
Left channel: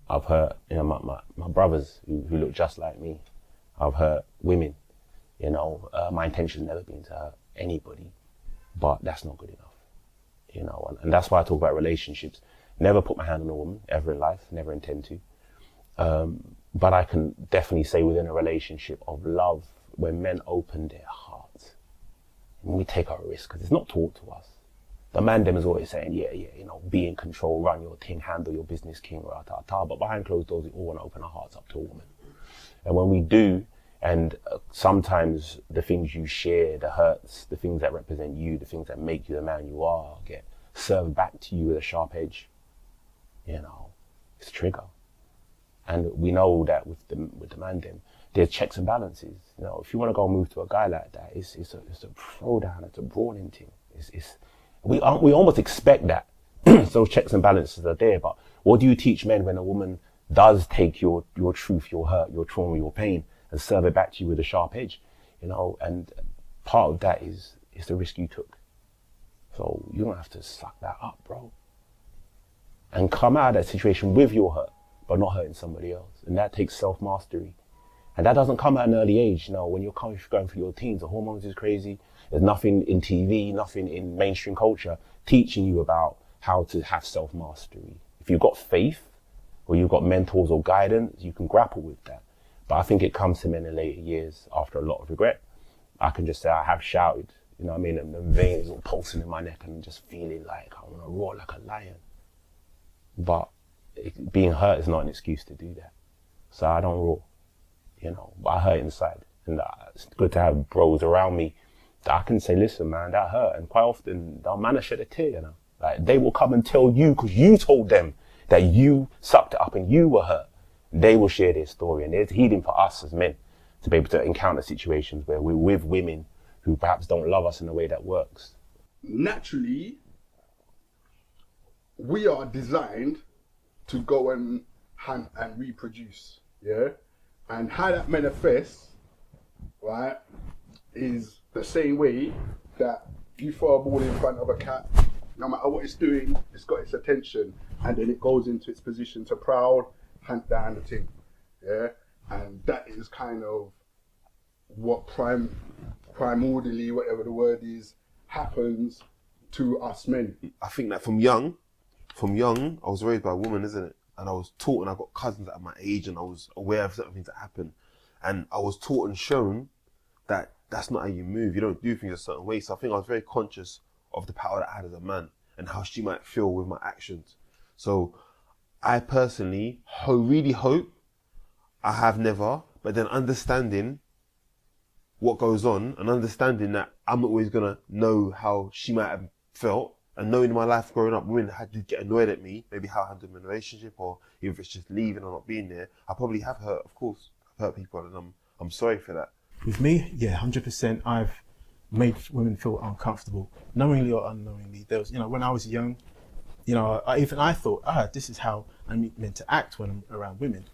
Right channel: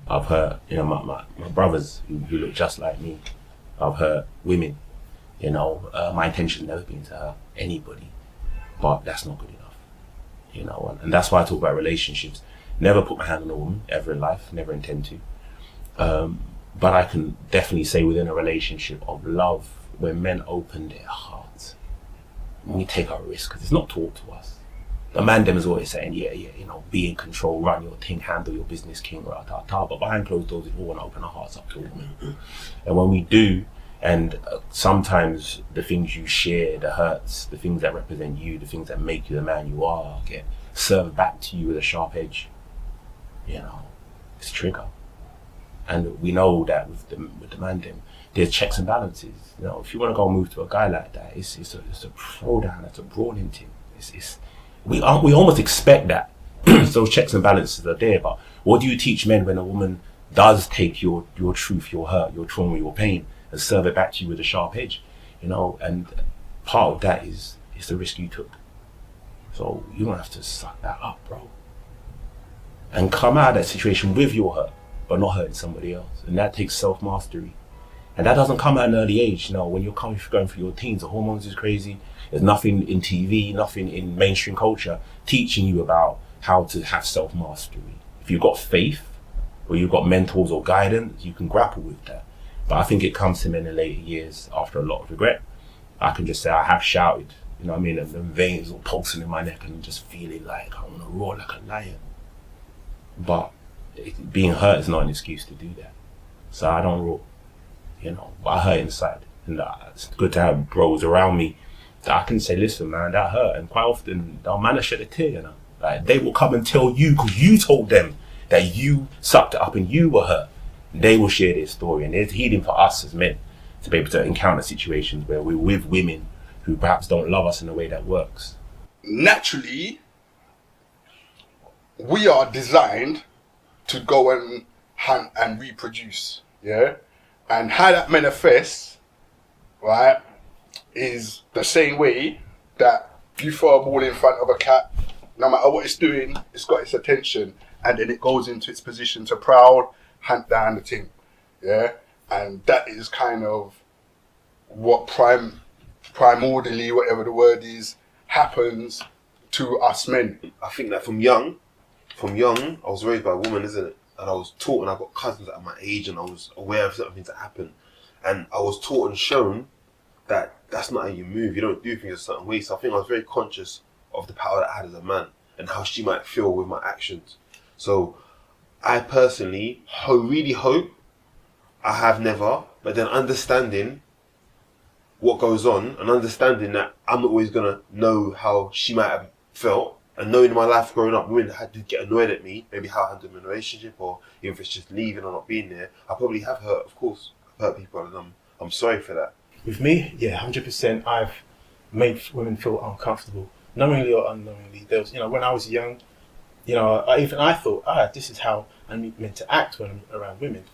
I've hurt, you know, my brothers who look just like me. I've hurt women. You know, my intention never been to hurt anybody, but that's not good enough. You know, and that's why I talk about relationships. Never put my hand on a woman ever in life, never intend to. But I can definitely say within a relationship of love, when men open their hearts, when we take our risk, because it's not taught to us. The man them is always saying, yeah, you know, be in control, run your thing, handle your business, king, rah-ta-ta. But behind closed doors, we all want to open our hearts up to a woman. And when we do, and sometimes the things you share, the hurts, the things that represent you, the things that make you the man you are, get served back to you with a sharp edge. You know, it's a trigger. And we know that with the man them, there's checks and balances. You know, if you want to go and move to a guy like that, it's a throwdown, it's a brawling thing. We almost expect that those checks and balances are there. But what do you teach men when a woman does take your truth, your hurt, your trauma, your pain, and serve it back to you with a sharp edge? You know, and part of that is the risk you took. So you don't have to suck that up, bro. And come out of that situation with your hurt, but not hurting somebody else. And that takes self-mastery. And that doesn't come at an early age. You know, when you're going through your teens, the hormones is crazy. There's nothing in TV, nothing in mainstream culture teaching you about how to have self-mastery. If you've got faith, or you've got mentors or guidance, you can grapple with that. But I think it comes to me in the later years after a lot of regret. I can just say I have shouted, you know what I mean, and the veins all pulsing in my neck and just feeling like I want to roar like a lion. But being hurt is not an excuse to do that. So I don't roar, you know, but I hurt inside. And it's good to have bros around me that I can say, listen, man, that hurt. And quite often, they'll manage to shed a tear, you know. Like, they will come and tell you, because you told them that you sucked it up and you were hurt. They will share their story. And there's healing for us as men to be able to encounter situations where we're with women who perhaps don't love us in a way that works. Naturally, we are designed to go and hunt and reproduce, yeah? And how that manifests, right, is the same way that you throw a ball in front of a cat, no matter what it's doing, it's got its attention, and then it goes into its position to prowl, hunt down the thing, yeah? And that is kind of what primordially, whatever the word is, happens to us men. I think that from young, I was raised by a woman, isn't it? And I was taught, and I've got cousins at my age, and I was aware of certain things that happen. And I was taught and shown that that's not how you move. You don't do things a certain way. So I think I was very conscious of the power that I had as a man and how she might feel with my actions. So I personally really hope I have never, but then understanding what goes on and understanding that I'm not always going to know how she might have felt, and knowing in my life growing up, women had to get annoyed at me, maybe how I handled in a relationship, or even if it's just leaving or not being there. I probably have hurt, of course. I've hurt people, and I'm sorry for that. With me, yeah, 100%. I've made women feel uncomfortable, knowingly or unknowingly. There was, you know, when I was young, you know, I thought, this is how I'm meant to act when I'm around women,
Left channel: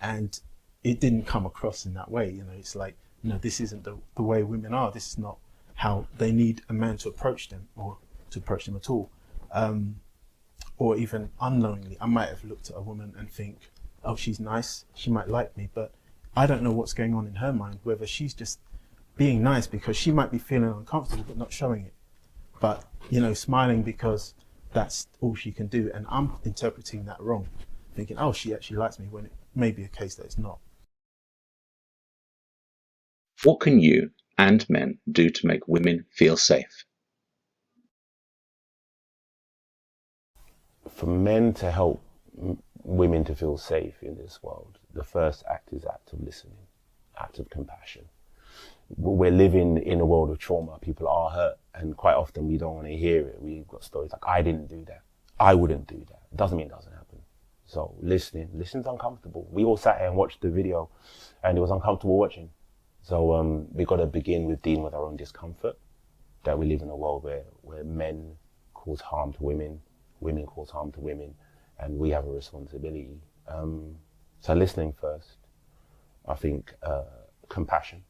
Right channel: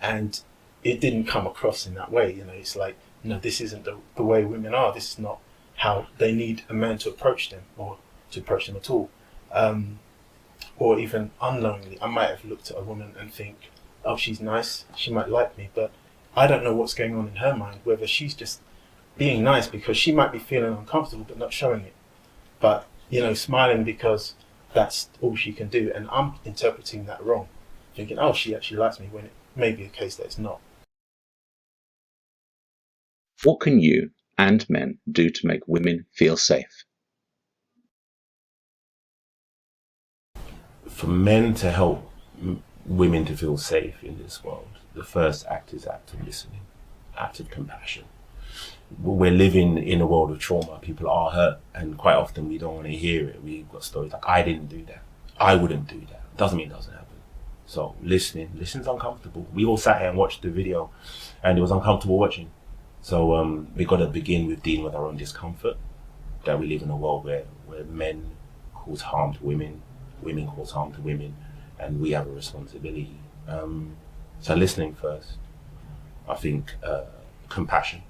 and it didn't come across in that way. You know, it's like, no, this isn't the way women are. This is not how they need a man to approach them, or to approach them at all. Or even unknowingly, I might have looked at a woman and think, oh, she's nice, she might like me, but I don't know what's going on in her mind, whether she's just being nice because she might be feeling uncomfortable but not showing it. But, you know, smiling because that's all she can do. And I'm interpreting that wrong, thinking, oh, she actually likes me, when it may be a case that it's not. What can you and men do to make women feel safe? For men to help women to feel safe in this world, the first act is act of listening, act of compassion. We're living in a world of trauma. People are hurt, and quite often we don't want to hear it. We've got stories like, I didn't do that, I wouldn't do that. Doesn't mean it doesn't happen. So listening's uncomfortable. We all sat here and watched the video, and it was uncomfortable watching. So we got to begin with dealing with our own discomfort, that we live in a world where men cause harm to women, women cause harm to women, and we have a responsibility. So listening first, I think compassion.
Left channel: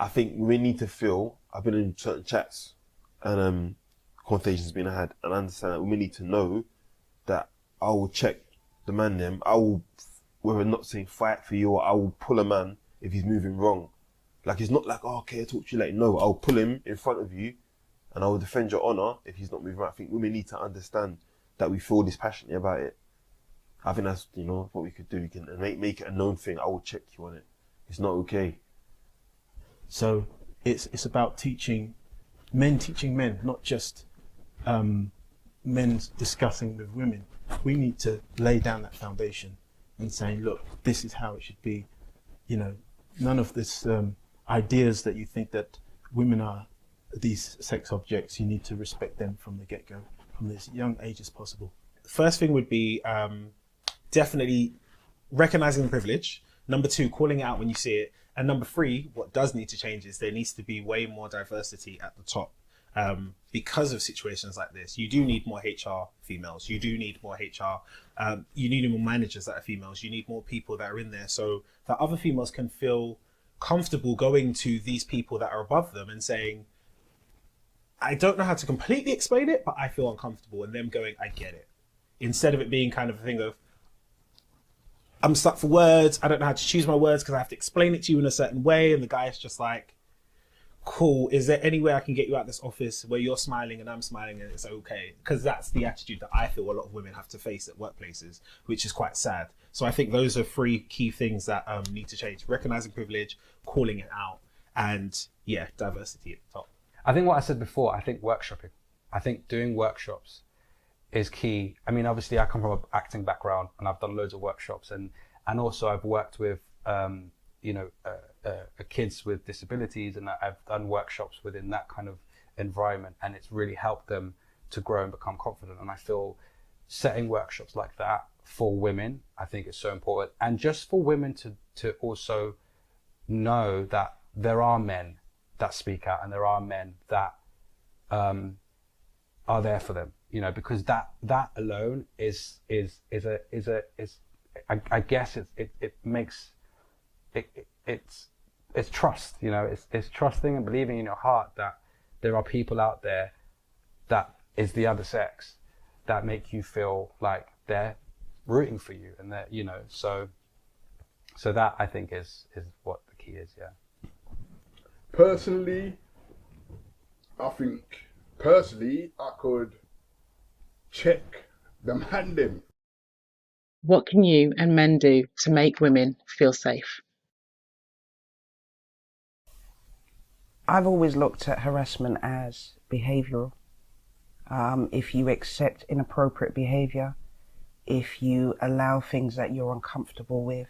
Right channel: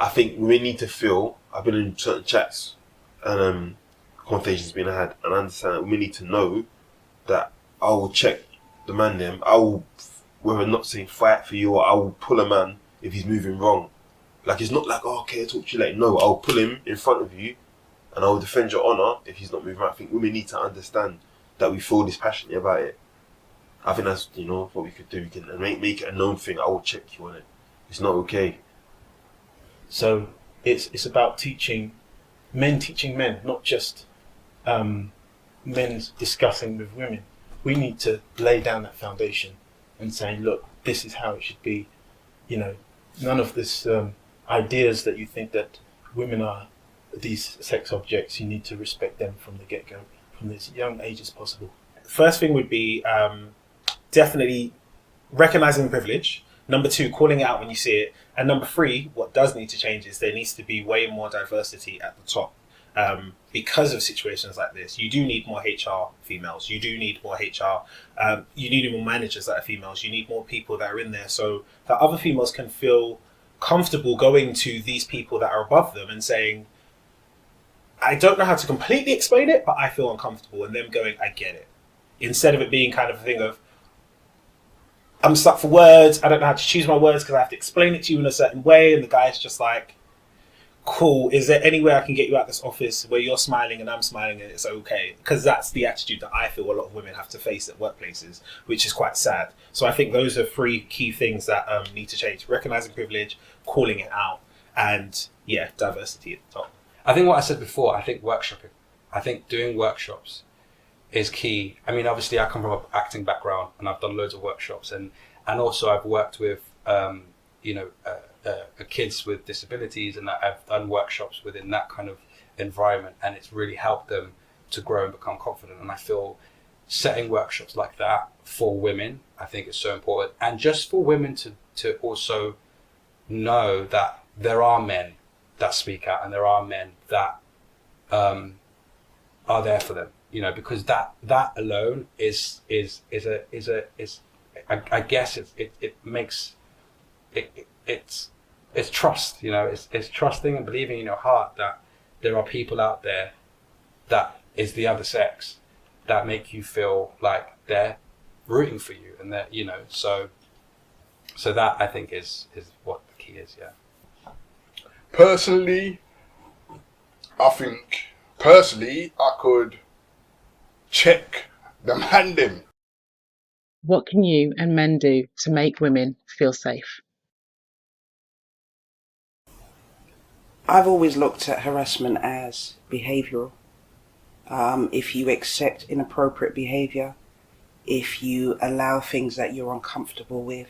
I think we need to feel, I've been in certain chats and conversations being had, and I understand that we need to know that I will check the man them, I will, whether not saying fight for you, or I will pull a man if he's moving wrong. Like, it's not like, oh, okay, I'll talk to you later. No, I'll pull him in front of you and I will defend your honour if he's not moving right. I think women need to understand that we feel this passionately about it. I think that's, you know, what we could do. We can make it a known thing. I will check you on it. It's not okay. So it's about teaching men, not just men discussing with women. We need to lay down that foundation and saying, look, this is how it should be. You know, none of this ideas that you think that women are these sex objects. You need to respect them from the get-go, from as young age as possible. First thing would be definitely recognizing privilege. Number 2, calling it out when you see it. And number 3, what does need to change is there needs to be way more diversity at the top. Because of situations like this, you do need more HR females. You do need more HR. You need more managers that are females. You need more people that are in there so that other females can feel comfortable going to these people that are above them and saying, I don't know how to completely explain it, but I feel uncomfortable. And them going, I get it. Instead of it being kind of a thing of, I'm stuck for words. I don't know how to choose my words because I have to explain it to you in a certain way. And the guy's just like, cool, is there any way I can get you out of this office where you're smiling and I'm smiling and it's okay? Because that's the attitude that I feel a lot of women have to face at workplaces, which is quite sad. So I think those are 3 key things that need to change. Recognizing privilege, calling it out, and diversity at the top. I think what I said before, I think workshopping. I think doing workshops is key. I mean, obviously I come from an acting background and I've done loads of workshops and also I've worked with, kids with disabilities, and I've done workshops within that kind of environment, and it's really helped them to grow and become confident. And I feel setting workshops like that for women, I think is so important. And just for women to also know that there are men that speak out and there are men that are there for them, you know, because that alone is I guess it makes it's trust, you know, it's trusting and believing in your heart that there are people out there that is the other sex that make you feel like they're rooting for you, and that, you know, so that I think is what the key is. Personally, I could check the man them. What can you and men do to make women feel safe? I've always looked at harassment as behavioural. If you accept inappropriate behaviour, if you allow things that you're uncomfortable with,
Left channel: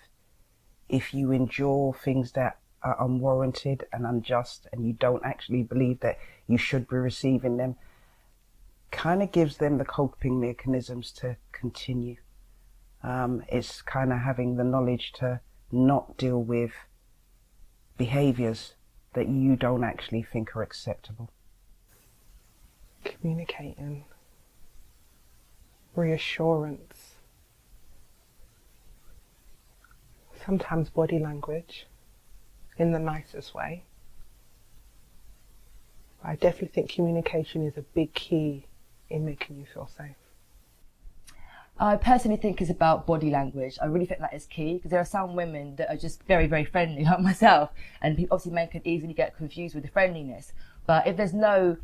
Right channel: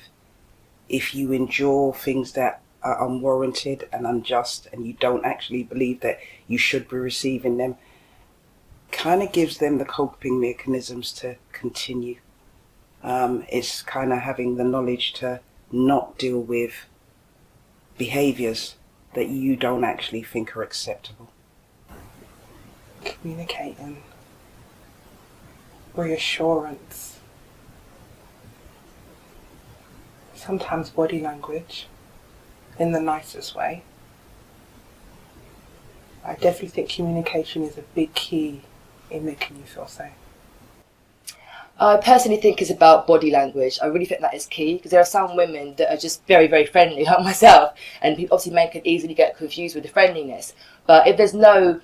if you endure things that are unwarranted and unjust and you don't actually believe that you should be receiving them, kind of gives them the coping mechanisms to continue. It's kind of having the knowledge to not deal with behaviours that you don't actually think are acceptable. Communicating, reassurance, sometimes body language in the nicest way. I definitely think communication is a big key in making you feel safe. I personally think it's about body language. I really think that is key, because there are some women that are just very, very friendly, like myself, and people obviously men can easily get confused with the friendliness. But if there's no,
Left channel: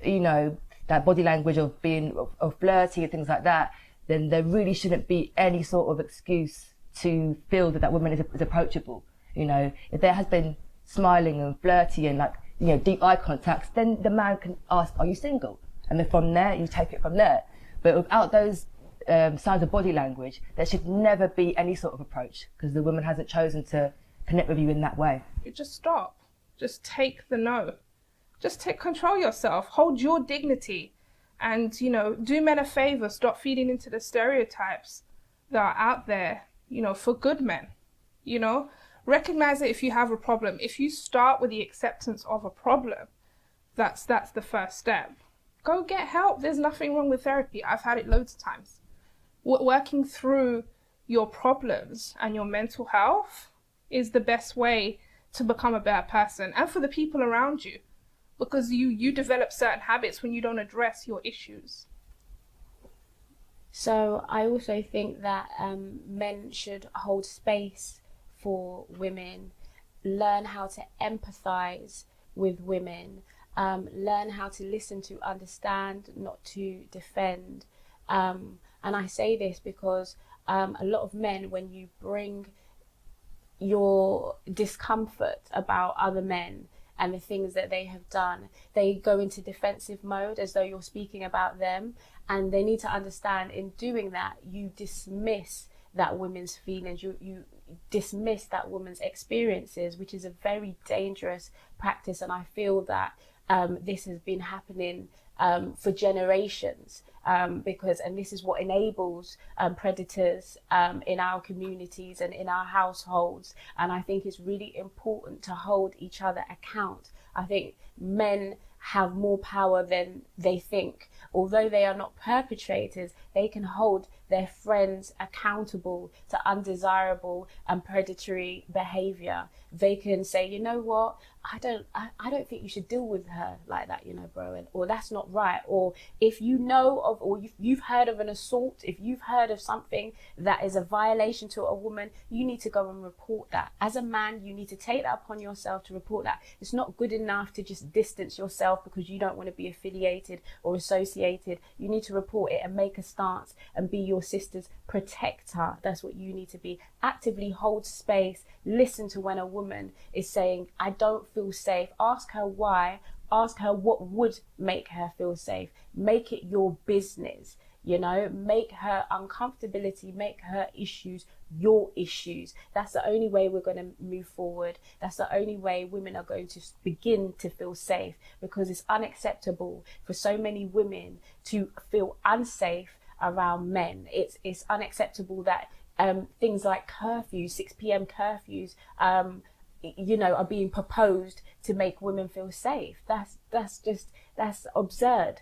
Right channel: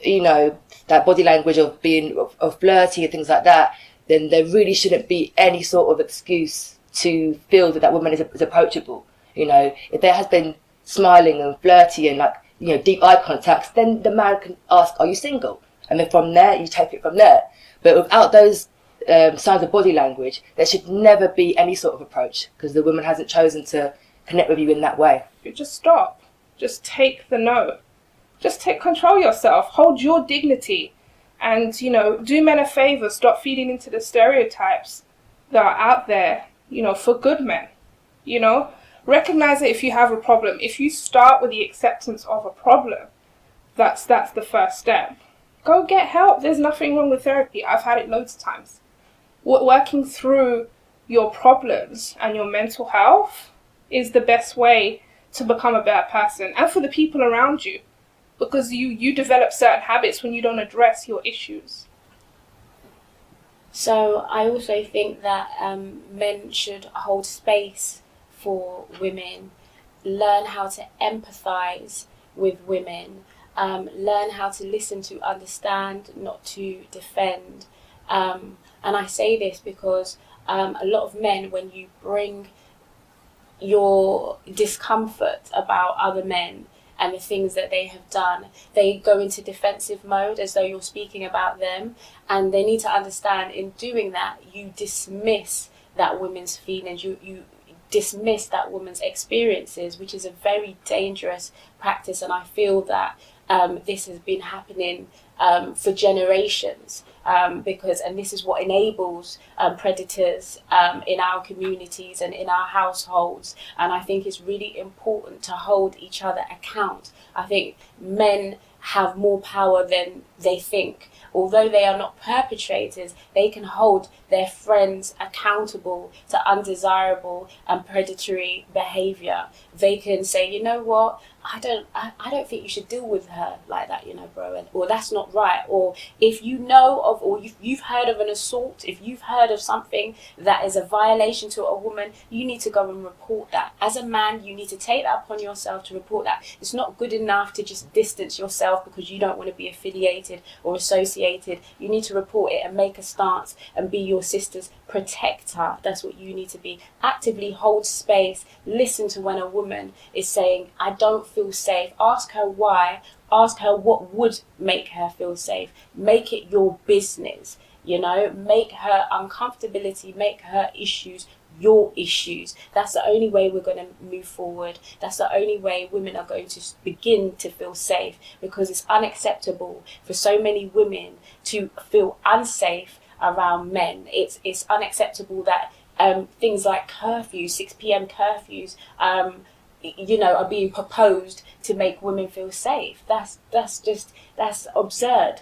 that body language of being of flirty and things like that, then there really shouldn't be any sort of excuse to feel that woman is approachable. If there has been smiling and flirty and deep eye contacts, then the man can ask, "Are you single?" And then from there you take it from there. But without those signs of body language, there should never be any sort of approach, because the woman hasn't chosen to connect with you in that way. You just stop. Just take the no. Just control yourself. Hold your dignity. And, do men a favour. Stop feeding into the stereotypes that are out there, for good men. Recognize it if you have a problem. If you start with the acceptance of a problem, that's the first step. Go get help. There's nothing wrong with therapy. I've had it loads of times. Working through your problems and your mental health is the best way to become a better person, and for the people around you, because you develop certain habits when you don't address your issues. So I also think that men should hold space for women, learn how to empathise with women, learn how to listen to understand, not to defend. And I say this because a lot of men, when you bring your discomfort about other men and the things that they have done, they go into defensive mode as though you're speaking about them. And they need to understand, in doing that, you dismiss that woman's feelings, you dismiss that woman's experiences, which is a very dangerous practice. And I feel that this has been happening for generations, because this is what enables predators in our communities and in our households. And I think it's really important to hold each other account. I think men have more power than they think. Although they are not perpetrators, they can hold their friends accountable to undesirable and predatory behavior. They can say, you know what, I don't think you should deal with her like that, you know, bro, or that's not right. Or if you know of, or you've heard of an assault, if you've heard of something that is a violation to a woman, you need to go and report that. As a man, you need to take that upon yourself to report that. It's not good enough to just distance yourself because you don't want to be affiliated or associated. You need to report it and make a stance and be your sister's protector. That's what you need to be. Actively hold space. Listen to when a woman is saying, I don't feel safe. Ask her why. Ask her what would make her feel safe. Make it your business. You know, make her uncomfortability, make her issues your issues. That's the only way we're going to move forward. That's the only way women are going to begin to feel safe, because it's unacceptable for so many women to feel unsafe around men. It's unacceptable that things like curfews, 6 p.m. curfews, you know, are being proposed to make women feel safe. That's absurd.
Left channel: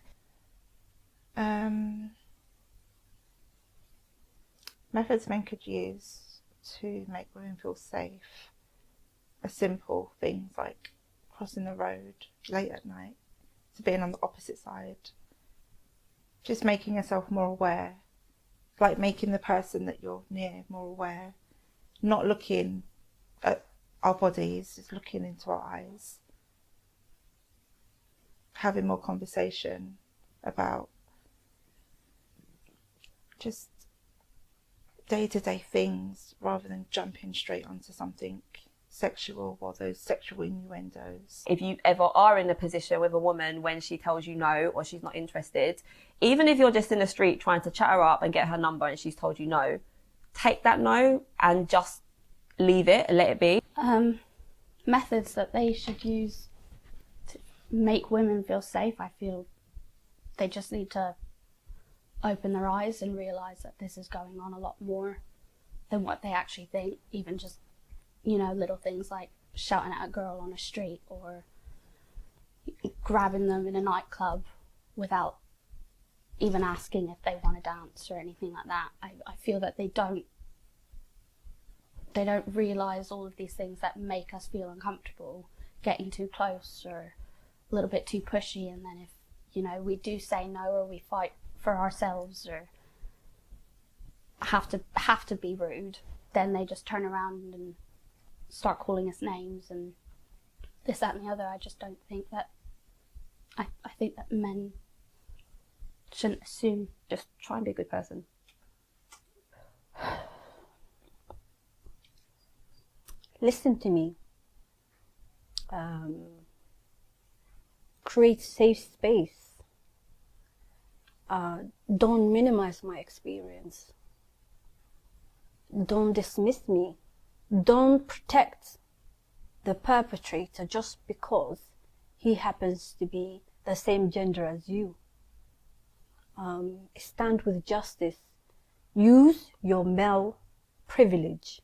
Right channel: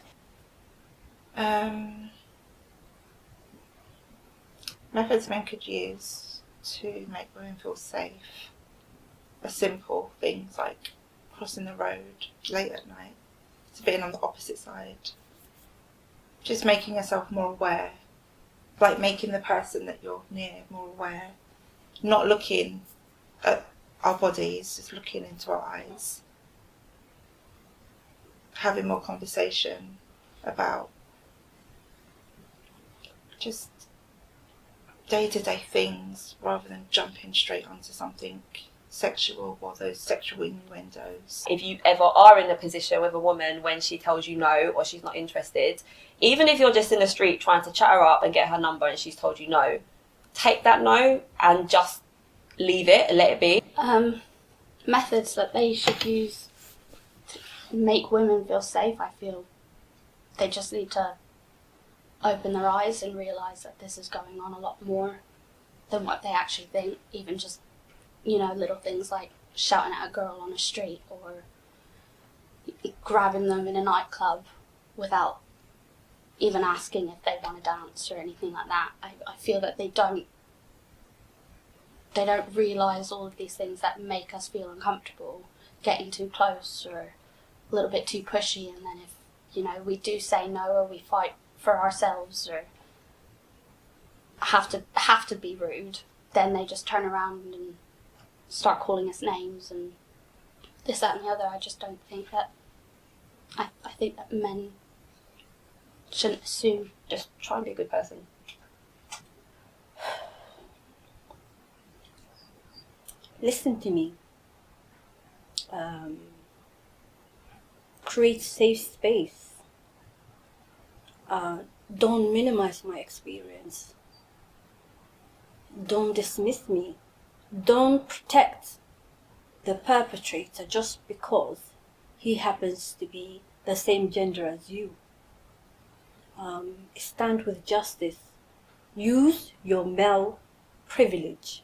Methods men could use to make women feel safe are simple things like crossing the road late at night, to being on the opposite side, just making yourself more aware, like making the person that you're near more aware, not looking at our bodies, just looking into our eyes, having more conversation about just day-to-day things rather than jumping straight onto something sexual or those sexual innuendos. If you ever are in a position with a woman when she tells you no or she's not interested, even if you're just in the street trying to chat her up and get her number and she's told you no, take that no and just leave it and let it be. Methods that they should use to make women feel safe, I feel they just need to open their eyes and realise that this is going on a lot more than what they actually think. Even just, you know, little things like shouting at a girl on the street or grabbing them in a nightclub without even asking if they want to dance or anything like that. I feel that they don't realise all of these things that make us feel uncomfortable, getting too close or a little bit too pushy, and then if, you know, we do say no or we fight for ourselves or have to be rude, then they just turn around and start calling us names and this, that and the other. I just don't think that, I think that men shouldn't assume. Just try and be a good person. Listen to me. Create safe space. Don't minimize my experience. Don't dismiss me. Don't protect the perpetrator just because he happens to be the same gender as you. Stand with justice. Use your male privilege,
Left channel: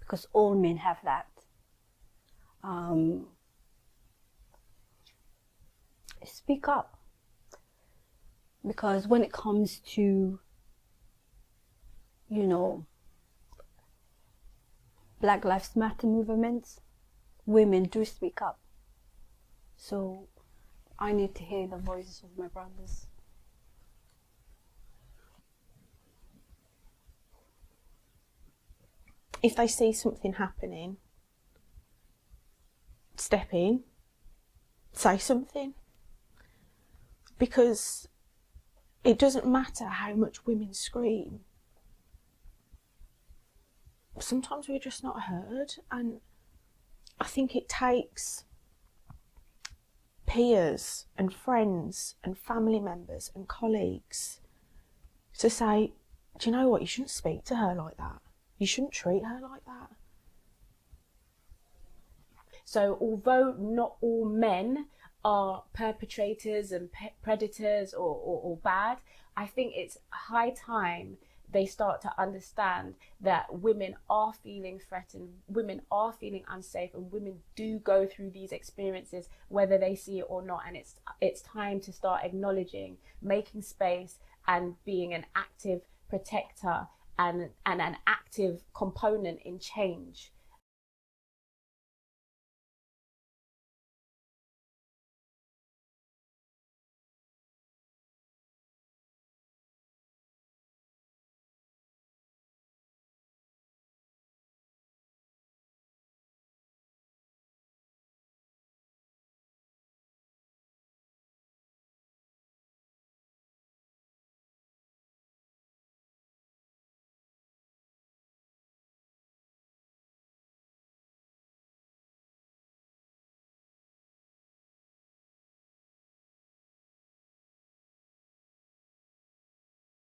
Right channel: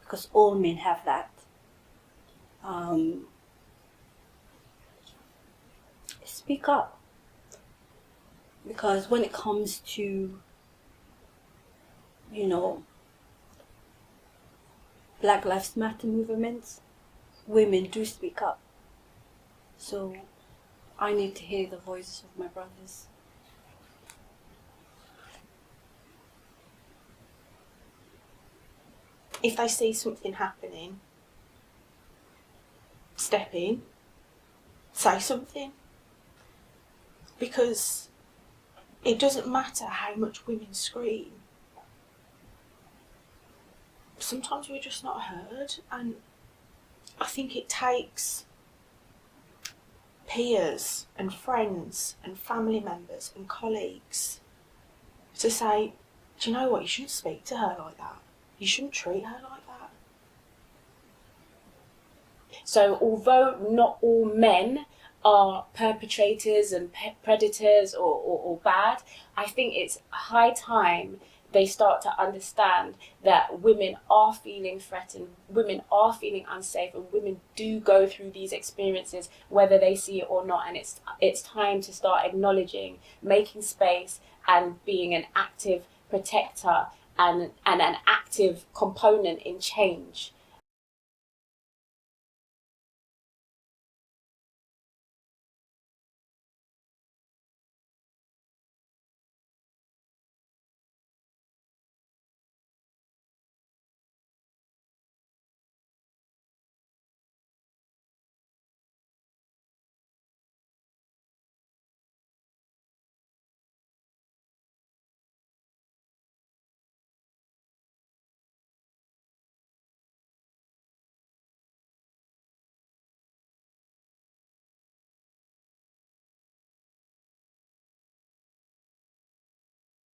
because all men have that. Speak up. Because when it comes to, you know, Black Lives Matter movements, women do speak up. So I need to hear the voices of my brothers. If they see something happening, step in, say something. Because it doesn't matter how much women scream. Sometimes we're just not heard, and I think it takes peers and friends and family members and colleagues to say, do you know what, you shouldn't speak to her like that. You shouldn't treat her like that. So although not all men are perpetrators and predators or bad, I think it's high time they start to understand that women are feeling threatened, women are feeling unsafe, and women do go through these experiences whether they see it or not. And it's time to start acknowledging, making space, and being an active protector and an active component in change.